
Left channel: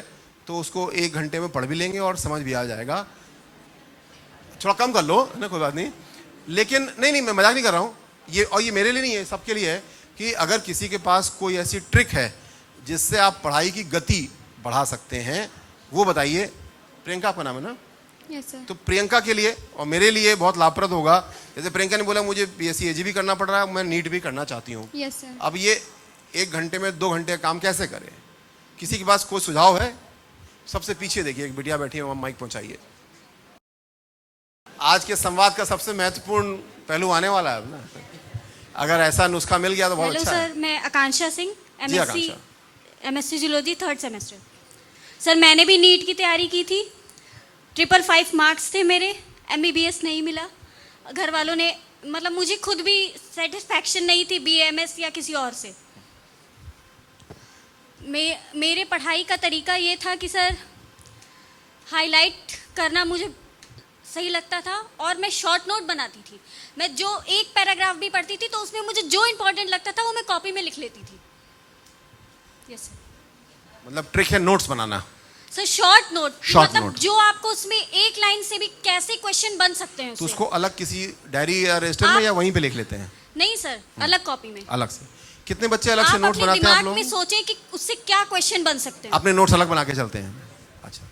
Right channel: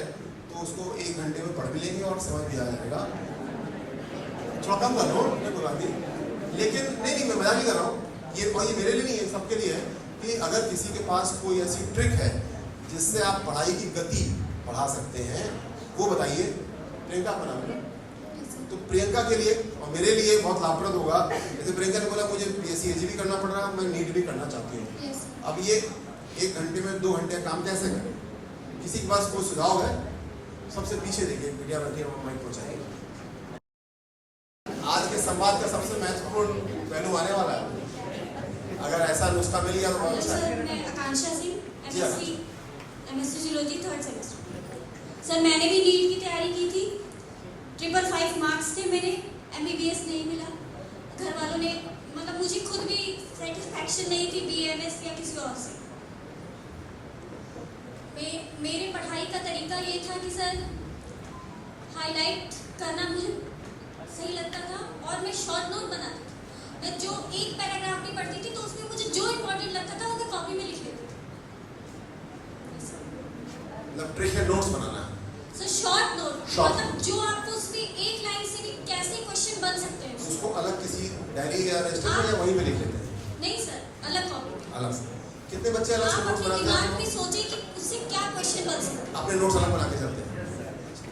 तो उसको 1 घंटे में पढ़ भी लेंगे और समझ भी आ जाएगा? थोड़ा कम कर लो ना, कोई बात नहीं। लेकिन नहीं मैं मजाक नहीं कर रहा हूँ, ये मेरे लिए नहीं है, सबके लिए है कि अगर किसी के पास कोई ऐसी ट्रिक है जिससे आप पढ़ाई की गति बढ़ा सकते हैं, वो बताइए। प्रियंका आपका नाम है ना? Yes sir. तो प्रियंका के लिए और मेरे लिए बहुत लाभप्रद होगा। जैसे प्रियंका ने बोला मुझे BSc AG भी करना पड़ रहा है, मैं नीट भी करना चाहती हूँ। Yes sir. अब ये 1 घंटे में 2 घंटे का काम कैसे करें? किसी के पास कोई सुझाव है? सबसे पीछे देखिए, एक बिटिया बैठी है, और माइक पहुंचाइए। आज के संवाद का सबसे महत्वपूर्ण पहलू आने वाला है, अगर ऐसा नुस्खा मिल गया तो बहुत हेलो अच्छा है। सर, मैं आकांक्षा सिंह, जी, MSc zoology 3rd semester. Sir मैंने भी नीट की तैयारी की थी, 555 मार्क्स थे मेरे, MBBS नहीं मिला। घर वालों ने मतलब मुझे खुद भी सेटिस्फैक्शन नहीं थी BAMS या किसी और से। मेरे पढ़ाई का तरीका ये था कि सर हाईलाइट करना मुझे सही लगता था, और मैं शॉर्ट नोट बनाती थी। मैं जो एक पैराग्राफ भी पढ़ती थी तो उसमें मुझे जो इम्पोर्टेंट लगता था वो मैं कॉपी पे लिख लेती थी। यस मतलब ट्रिक है नोट्स बनाना। सर शॉर्ट नोट, Short मतलब note। जो आपको उसमें एक लाइन से भी कैसे क्वेश्चन बन सकते हैं तो उससे। उसको अलग किसी डायरी या रजिस्टर में आप- या वहीं पे लिख लेते हैं? नहीं सर, अलग कॉपी में। अलग से। कितने बच्चे अलग से आप नोट्स अपने बनाते हैं आप दिमाग में लोग? सोचें कि उससे क्या क्वेश्चन बन सकते हैं। अपने नोट्स अलग बना के चलते हैं? अच्छा।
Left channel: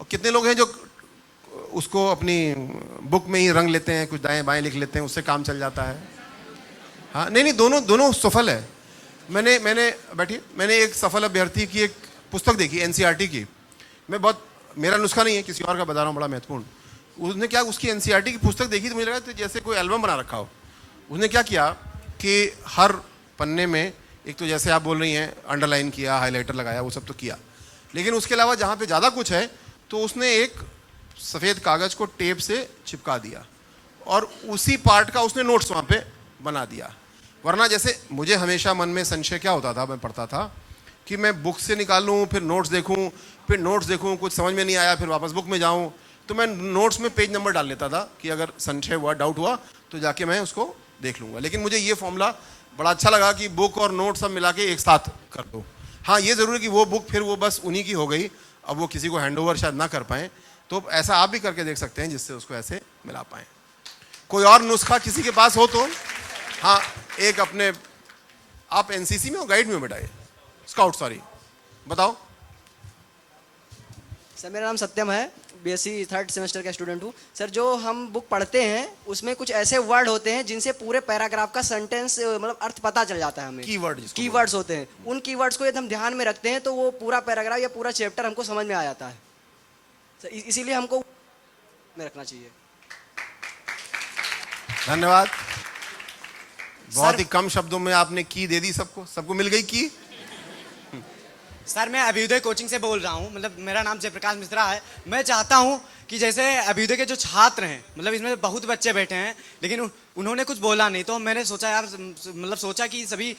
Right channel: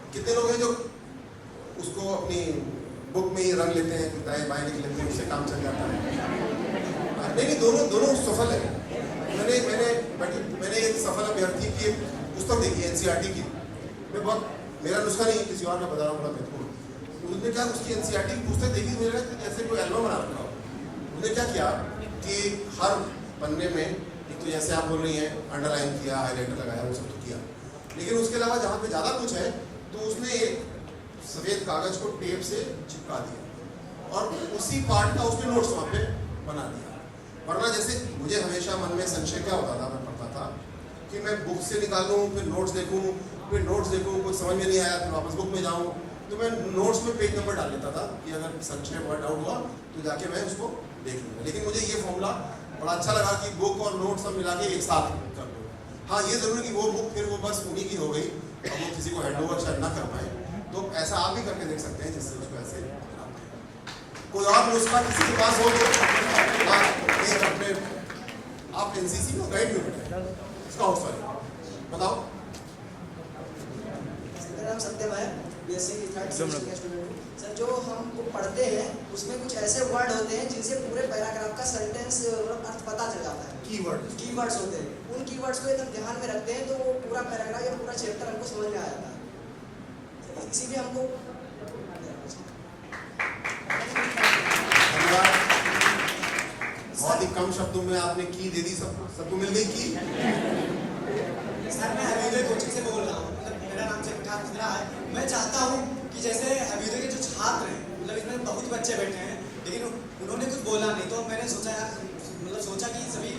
और कितने लोग हैं जो उसको अपनी बुक में ही रंग लेते हैं, कुछ दाएं बाएं लिख लेते हैं, उससे काम चल जाता है? हाँ, नहीं दोनों सफल है। मैंने एक सफल अभ्यर्थी की एक पुस्तक देखी NCERT की। मेरा नुस्खा नहीं है, किसी और का बता रहा हूँ, बड़ा महत्वपूर्ण। उसने क्या, उसकी NCERT की पुस्तक देखी तो मुझे लगा तो जैसे कोई एल्बम बना रखा हो। उसने क्या किया कि हर पन्ने में एक तो जैसे आप बोल रही हैं अंडरलाइन किया, हाईलाइटर लगाया, वो सब तो किया, लेकिन उसके अलावा जहाँ पे ज़्यादा कुछ है तो उसने एक सफ़ेद कागज़ को टेप से चिपका दिया और उसी पार्ट का उसने नोट्स वहाँ पे बना दिया। वरना जैसे मुझे हमेशा मन में संशय क्या होता था, मैं पढ़ता था कि मैं बुक से निकालूं, फिर नोट्स देखूं, कुछ समझ में नहीं आया, फिर वापस बुक में जाऊं, तो मैं नोट्स में पेज नंबर डाल लेता था कि अगर संशय हुआ, डाउट हुआ तो जाके मैं उसको देख लूँगा। लेकिन मुझे ये फॉर्मूला बड़ा अच्छा लगा कि बुक और नोट सब मिला के एक साथ कर दो। हाँ, ये ज़रूरी कि वो बुक फिर वो बस उन्हीं की हो गई, अब वो किसी को हैंडओवर शायद ना कर पाएँ, तो ऐसा आप भी करके देख सकते हैं जिससे उसको ऐसे मिला पाएँ। कोई और नुस्खा किसी के पास हो तो? हाँ, एक अपने आप NCC में हो, गाइड में बेटा, स्काउट, सॉरी, बताओ। सर मेरा नाम सत्यम है, BSc 3rd सेमेस्टर का स्टूडेंट हूँ। सर जो हम बुक पढ़ते हैं उसमें कुछ ऐसे वर्ड होते हैं जिनसे पूरे पैराग्राफ का सेंटेंस मतलब अर्थ पता चल जाता है हमें। कीवर्ड्स होते हैं, उन कीवर्ड्स को एकदम ध्यान में रखते हैं तो वो पूरा पैराग्राफ या पूरा चैप्टर हमको समझ में आ जाता है। सर इसीलिए हमको रखना चाहिए। धन्यवाद। बहुत ही कम शब्दों में आपने की दे दी, सबको मिल गई की। सर मैं अभ्युदय कोचिंग से बोल रहा हूँ, मतलब मेरा नाम जयप्रकाश मिश्रा है। मैं चाहता हूँ कि जैसे अभ्युदय के जो छात्र हैं, मतलब इसमें बहुत बच्चे बैठे हैं लेकिन उन्होंने कुछ बोला नहीं, तो मैंने सोचा यार, मतलब सोचा कि सभी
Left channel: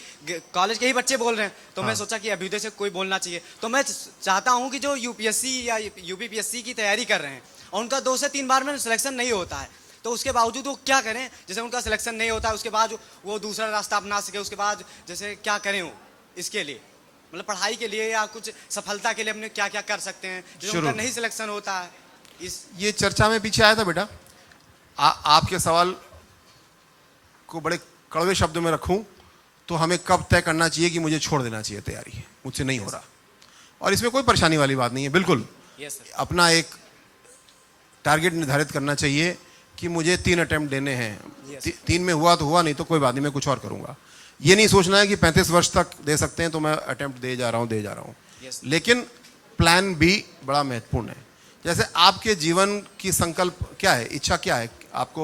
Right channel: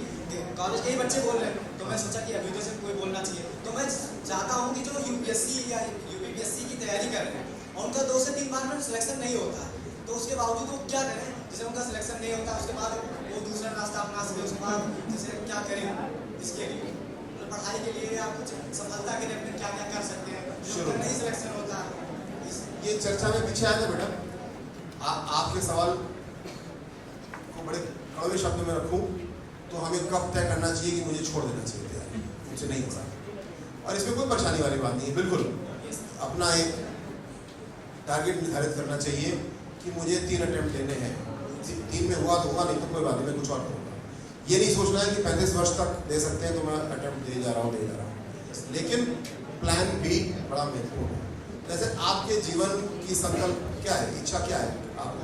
कॉलेज के ही बच्चे बोल रहे हैं, तो मैं सोचा कि अभ्युदय से कोई बोलना चाहिए। तो मैं चाहता हूँ कि जो UPSC या UPPSC की तैयारी कर रहे हैं और उनका 2 से 3 बार में सिलेक्शन नहीं होता है, तो उसके बावजूद वो क्या करें, जैसे उनका सिलेक्शन नहीं होता उसके बाद वो दूसरा रास्ता अपना सके, उसके बाद जैसे क्या करें वो इसके लिए, मतलब पढ़ाई के लिए या कुछ सफलता के लिए अपने क्या क्या कर सकते हैं जो उनका नहीं सिलेक्शन होता है। ये चर्चा में पीछे आया था बेटा। आपके सवाल को बड़े कड़वे शब्दों में रखूं तो हमें कब तय करना चाहिए कि मुझे छोड़ देना चाहिए तैयारी, मुझसे नहीं हो रहा, और इसमें कोई परेशानी वाली बात नहीं है। बिल्कुल अपना एक टारगेट निर्धारित करना चाहिए कि मुझे 3 अटेम्प्ट देने हैं, 3 में हुआ तो हुआ, नहीं तो कोई बात नहीं, मैं कुछ और करूंगा। ये नहीं सोचना है कि 35 वर्ष तक दे सकते हैं तो मैं अटेम्प्ट दे जा रहा हूँ। लेकिन प्लान बी बड़ा महत्वपूर्ण है। जैसे आपके जीवन की संकल्प क्या है, इच्छा क्या है, आपको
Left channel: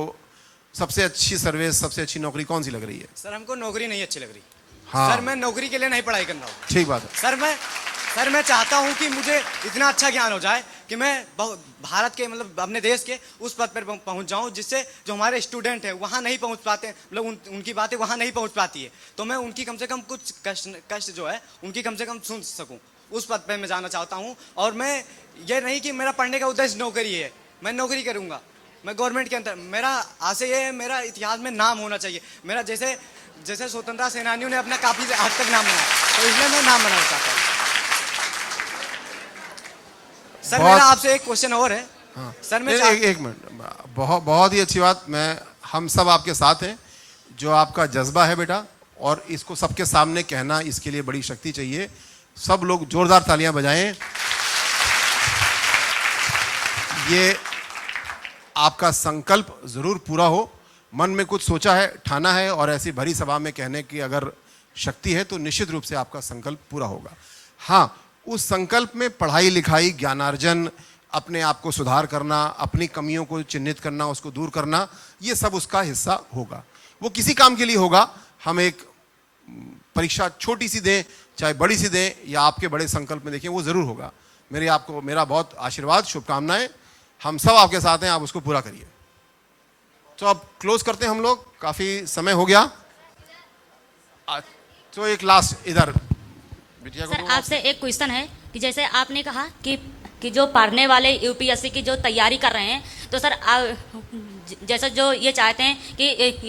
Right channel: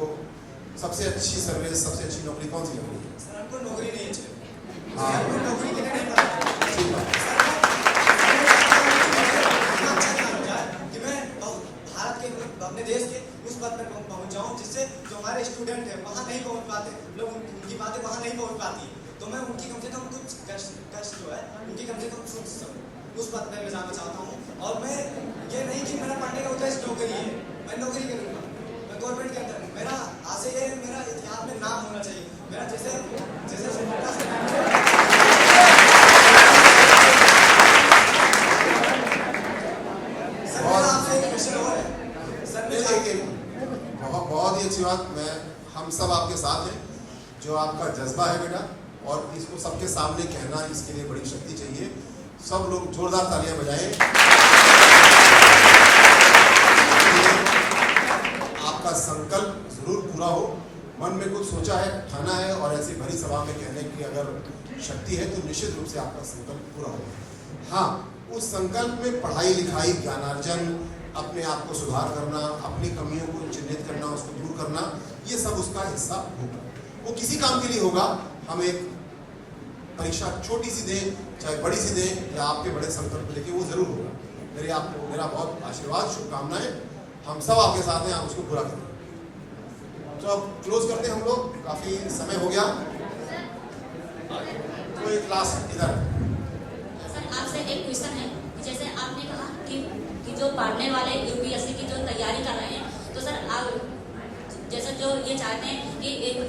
सबसे अच्छी सर्विस, सबसे अच्छी नौकरी कौन सी लग रही है? सर हमको नौकरी नहीं अच्छी लग रही। हाँ। सर मैं नौकरी के लिए नहीं पढ़ाई करता। ठीक बात। सर मैं चाहता हूँ कि मुझे इतना अच्छा ज्ञान हो जाए कि मैं भारत के मतलब अपने देश के उस पद पर पहुँच जाऊँ जिससे जो हमारे स्टूडेंट हैं वहाँ नहीं पहुँच पाते, मतलब उनकी बातें वहाँ नहीं पहुँच पाती है, तो मैं उनकी कम से कम कुछ कष्ट जो है उनकी कम से कम सुन सकूँ, उस पद पर मैं जाना चाहता हूँ। और मैं ये नहीं कि मेरा पढ़ने का उद्देश्य नौकरी है, मैं नौकरी करूँगा, मैं गवर्नमेंट के अंदर, मेरा आशय ये है, मेरा इतिहास में नाम होना चाहिए मेरा, जैसे स्वतंत्रता सेनानियों ने अपने सर मेरा आपसे एक क्वेश्चन और है। सर मैं एक मिनट, बहुत ही अच्छी बात। हम सब आपके साथ हैं, जो आपका जज्बा है बेटा, और इसको सबके सामने कहना, इसके लिए बड़ी शक्ति चाहिए। सब लोग जोरदार तालियां बजाएं। ये आपका संकल्प जरूर पूरा हो। मन में कुछ सोचा है, ठाना है, और ऐसी भरी सभा में कहने की अगर शक्ति है तो निश्चित रूप से आपका संकल्प पूरा होगा। हाँ, उस संकल्प में पढ़ाई लिखाई, ज्ञानार्जन, अपने आप को सुधार करना, अपनी कमियों को चिन्हित करना, उसको दूर करना, ये सब उसका हिस्सा होगा। वो किसी काम के लिए होगा। हम एक परीक्षा छोटी सी दें चाहे बड़ी सी दें, या आपके बड़े संकल्प में देखें, वो ज़रूर होगा। मेरा बहुत आशीर्वाद, शुभकामनाएं। हम सब आपके साथ हैं, आप उसको पूरा करिए। तो अब क्लोज करते हैं हम लोग, काफ़ी समय हो गया। तो एक लास्ट इधर सर आपसे एक क्वेश्चन है कि जैसे आपने कहा कि जो पढ़ने वाले यूपीएससी की जो तैयारी कर रहे हैं, तो सर जैसे जो ये चाहते हैं कि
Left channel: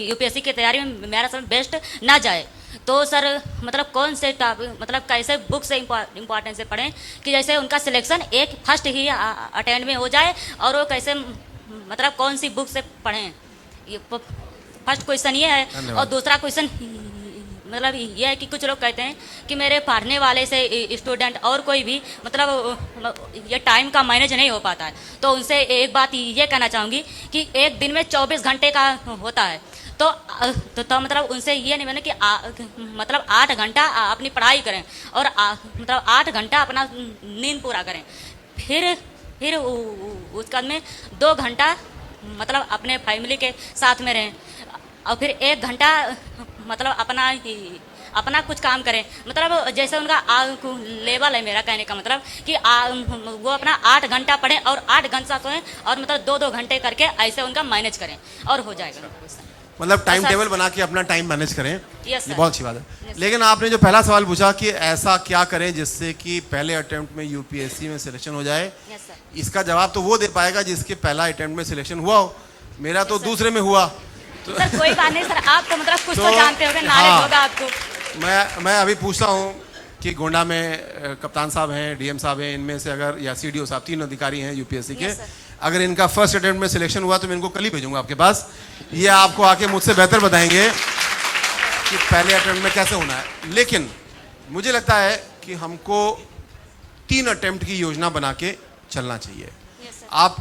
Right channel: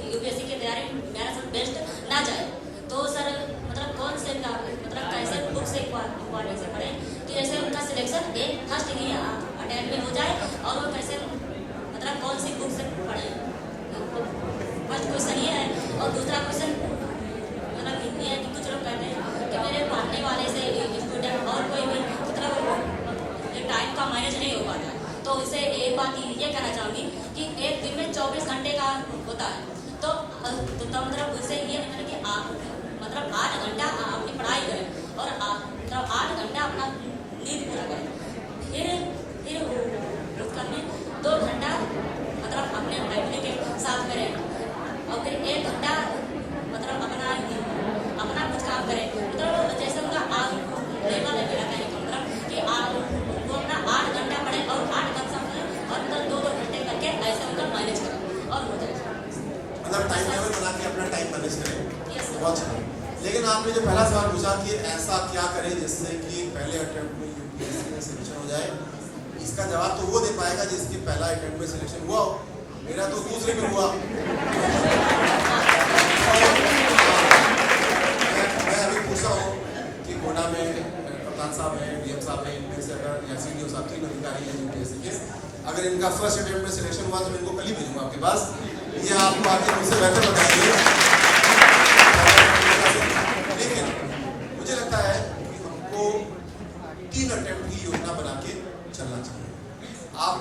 यूपीएससी की तैयारी में मेरा सर बेस्ट ना जाए, तो सर मतलब कौन से मतलब कैसे बुक से इम्पोर्टेंस से पढ़ें कि जैसे उनका सिलेक्शन एक फर्स्ट ही अटेम्प्ट में हो जाए, और वो कैसे मतलब कौन सी बुक से पढ़ें? फर्स्ट क्वेश्चन ये है। और दूसरा क्वेश्चन मतलब ये है कि कुछ लोग कहते हैं कि मेरे पढ़ने वाले से स्टूडेंट और कोई भी मतलब ये टाइम का मैनेज नहीं हो पाता है, तो उनसे एक बात ये कहना चाहूँगी कि एक दिन में 24 घंटे का होता है, तो मतलब उनसे ये नहीं बने कि मतलब 8 घंटा अपनी पढ़ाई करें और मतलब 8 घंटा अपना नींद पूरा करें, फिर उसके बाद में 2 घंटा मतलब अपने फैमिली के साथ में रहें, और फिर 1 घंटा मतलब अपना कुछ काम करें। मतलब जैसे उनका लेवल है, मेरा कहने का मतलब कि वो अपना 8 घंटा पढ़ें और 8 घंटा सोएं, और मतलब 2-2 घंटे करके ऐसे उनका मैनेज करें और हो जाएगा। मतलब टाइम टेबल बना के अपना टाइम मैनेज करें। Yes sir. बहुत अच्छी बात है। लेकिन आपने जो पहला सवाल पूछा कि ऐसा क्या करें जिससे कि पहले अटेम्प्ट में यूपीएससी में सिलेक्शन हो जाए, इसका जवाब तो वो दे पाएगा जिसके पहला अटेम्प्ट में सिलेक्शन हुआ हो। मेरा तो दूसरे में हुआ। सर कोई बात नहीं सर, आप कुछ तो जानते होंगे, नॉलेज होगा आपको। मैं अभी पूछता हूँ कि गोंडा में कप्तान साहब हैं, डीएम साहब हैं, इनमें से अगर, या सीडीओ साहब, 3 अधिकारी हैं यूपीएससी के, अगर इनका फर्स्ट अटेम्प्ट में सिलेक्शन हुआ तो मैं इनको कल ही भेजूंगा आपके पास। ये आपको आके मुझसे बेहतर बताएंगे कि पहले अटेम्प्ट में कैसे होना है। लेकिन मुझे लगता है कि हमको 3 अटेम्प्ट की योजना बना के चलना चाहिए। आप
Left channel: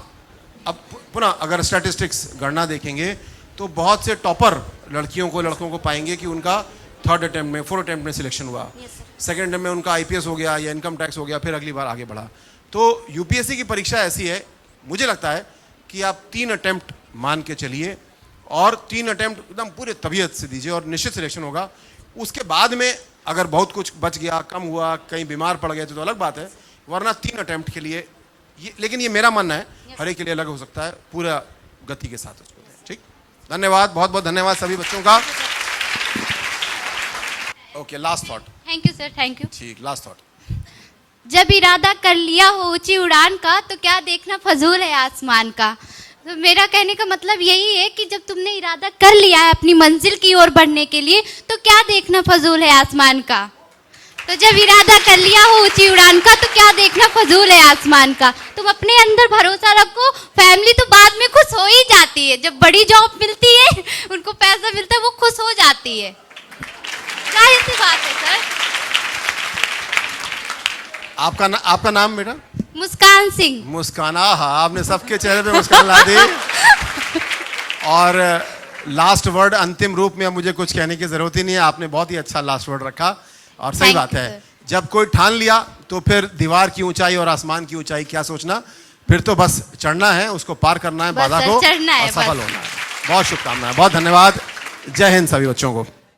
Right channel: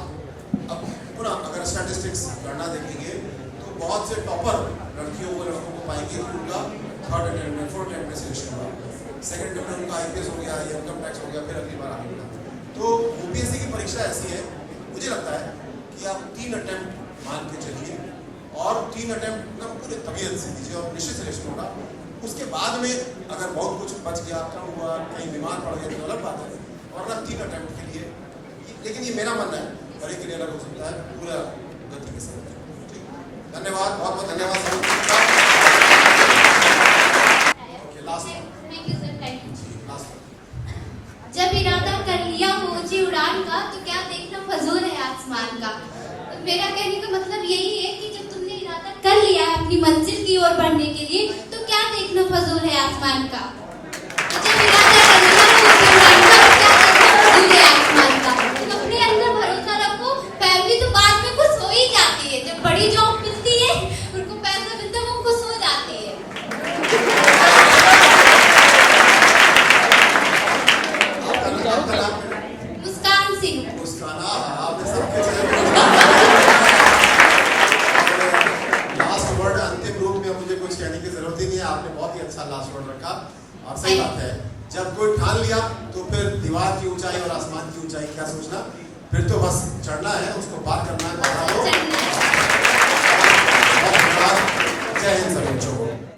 अब पुनः अगर स्टैटिस्टिक्स गणना देखेंगे तो बहुत से टॉपर लड़कियों को, लड़कों को पाएंगे कि उनका 3rd अटेम्प्ट में, 4th अटेम्प्ट में सिलेक्शन हुआ, 2nd अटेम्प्ट में उनका आईपीएस हो गया या इनकम टैक्स हो गया, फिर अगली बार आगे बढ़ा। तो यूपीएससी की परीक्षा ऐसी है, मुझे लगता है कि आप 3 अटेम्प्ट मान के चलिए, और 3 अटेम्प्ट एकदम पूरे तबीयत से दीजिए और निश्चित सिलेक्शन होगा। उसके बाद में अगर बहुत कुछ बच गया, कम हुआ, कहीं बीमार पड़ गए तो अलग बात है, वरना 3 अटेम्प्ट के लिए लेकिन ये मेरा मानना है, हर एक के लिए अलग हो सकता है, पूरा गति के साथ। ठीक, धन्यवाद, बहुत बहुत धन्यवाद सभी बच्चों का। Okay, last thought. Thank you sir, thank you. ठीक, लास्ट थॉट। जब इरादा कर लिया हो ऊंची उड़ान का, तो क्या देखना फजूल है आसमान का। तो मेरा कहने का मतलब यही है कि जब तुमने इरादा कर लिया है अपनी मंजिल की ओर बढ़ने के लिए, तो क्या देखना फजूल है आसमान का। तो जब इरादा कर लिया हो ऊंची उड़ान का, तो क्या देखना फजूल है आसमान का। तुम अपने अंदर भरोसा रखो, फैमिली तो बाद में खुश हो ही जाती है। जब बड़ी जॉब मिलती है, उनको पैसा मिलता है, वो खुश हो जाती है। आपका नाम बेटा? मुस्कान सिंह। मुस्कान, हाँ, आपने सबके चेहरे पे मुस्कान आ दी। और लास्ट वर्ड, अंतिम रूप में अब मुझे कुछ कहने की जरूरत ही नहीं है, आपने बहुत ही अच्छा लास्ट वर्ड रखा। और सही बात है, जब कोई ठान लिया तो फिर दीवार की ऊंचाई और आसमान की ऊंचाई क्या सोचना, फिर तो बस चढ़ना है, उसको पार करना है, बाधा को, चढ़ना है, सफल होना है। बहुत शुक्रिया, बहुत धन्यवाद। जय हिंद सभी बच्चों को।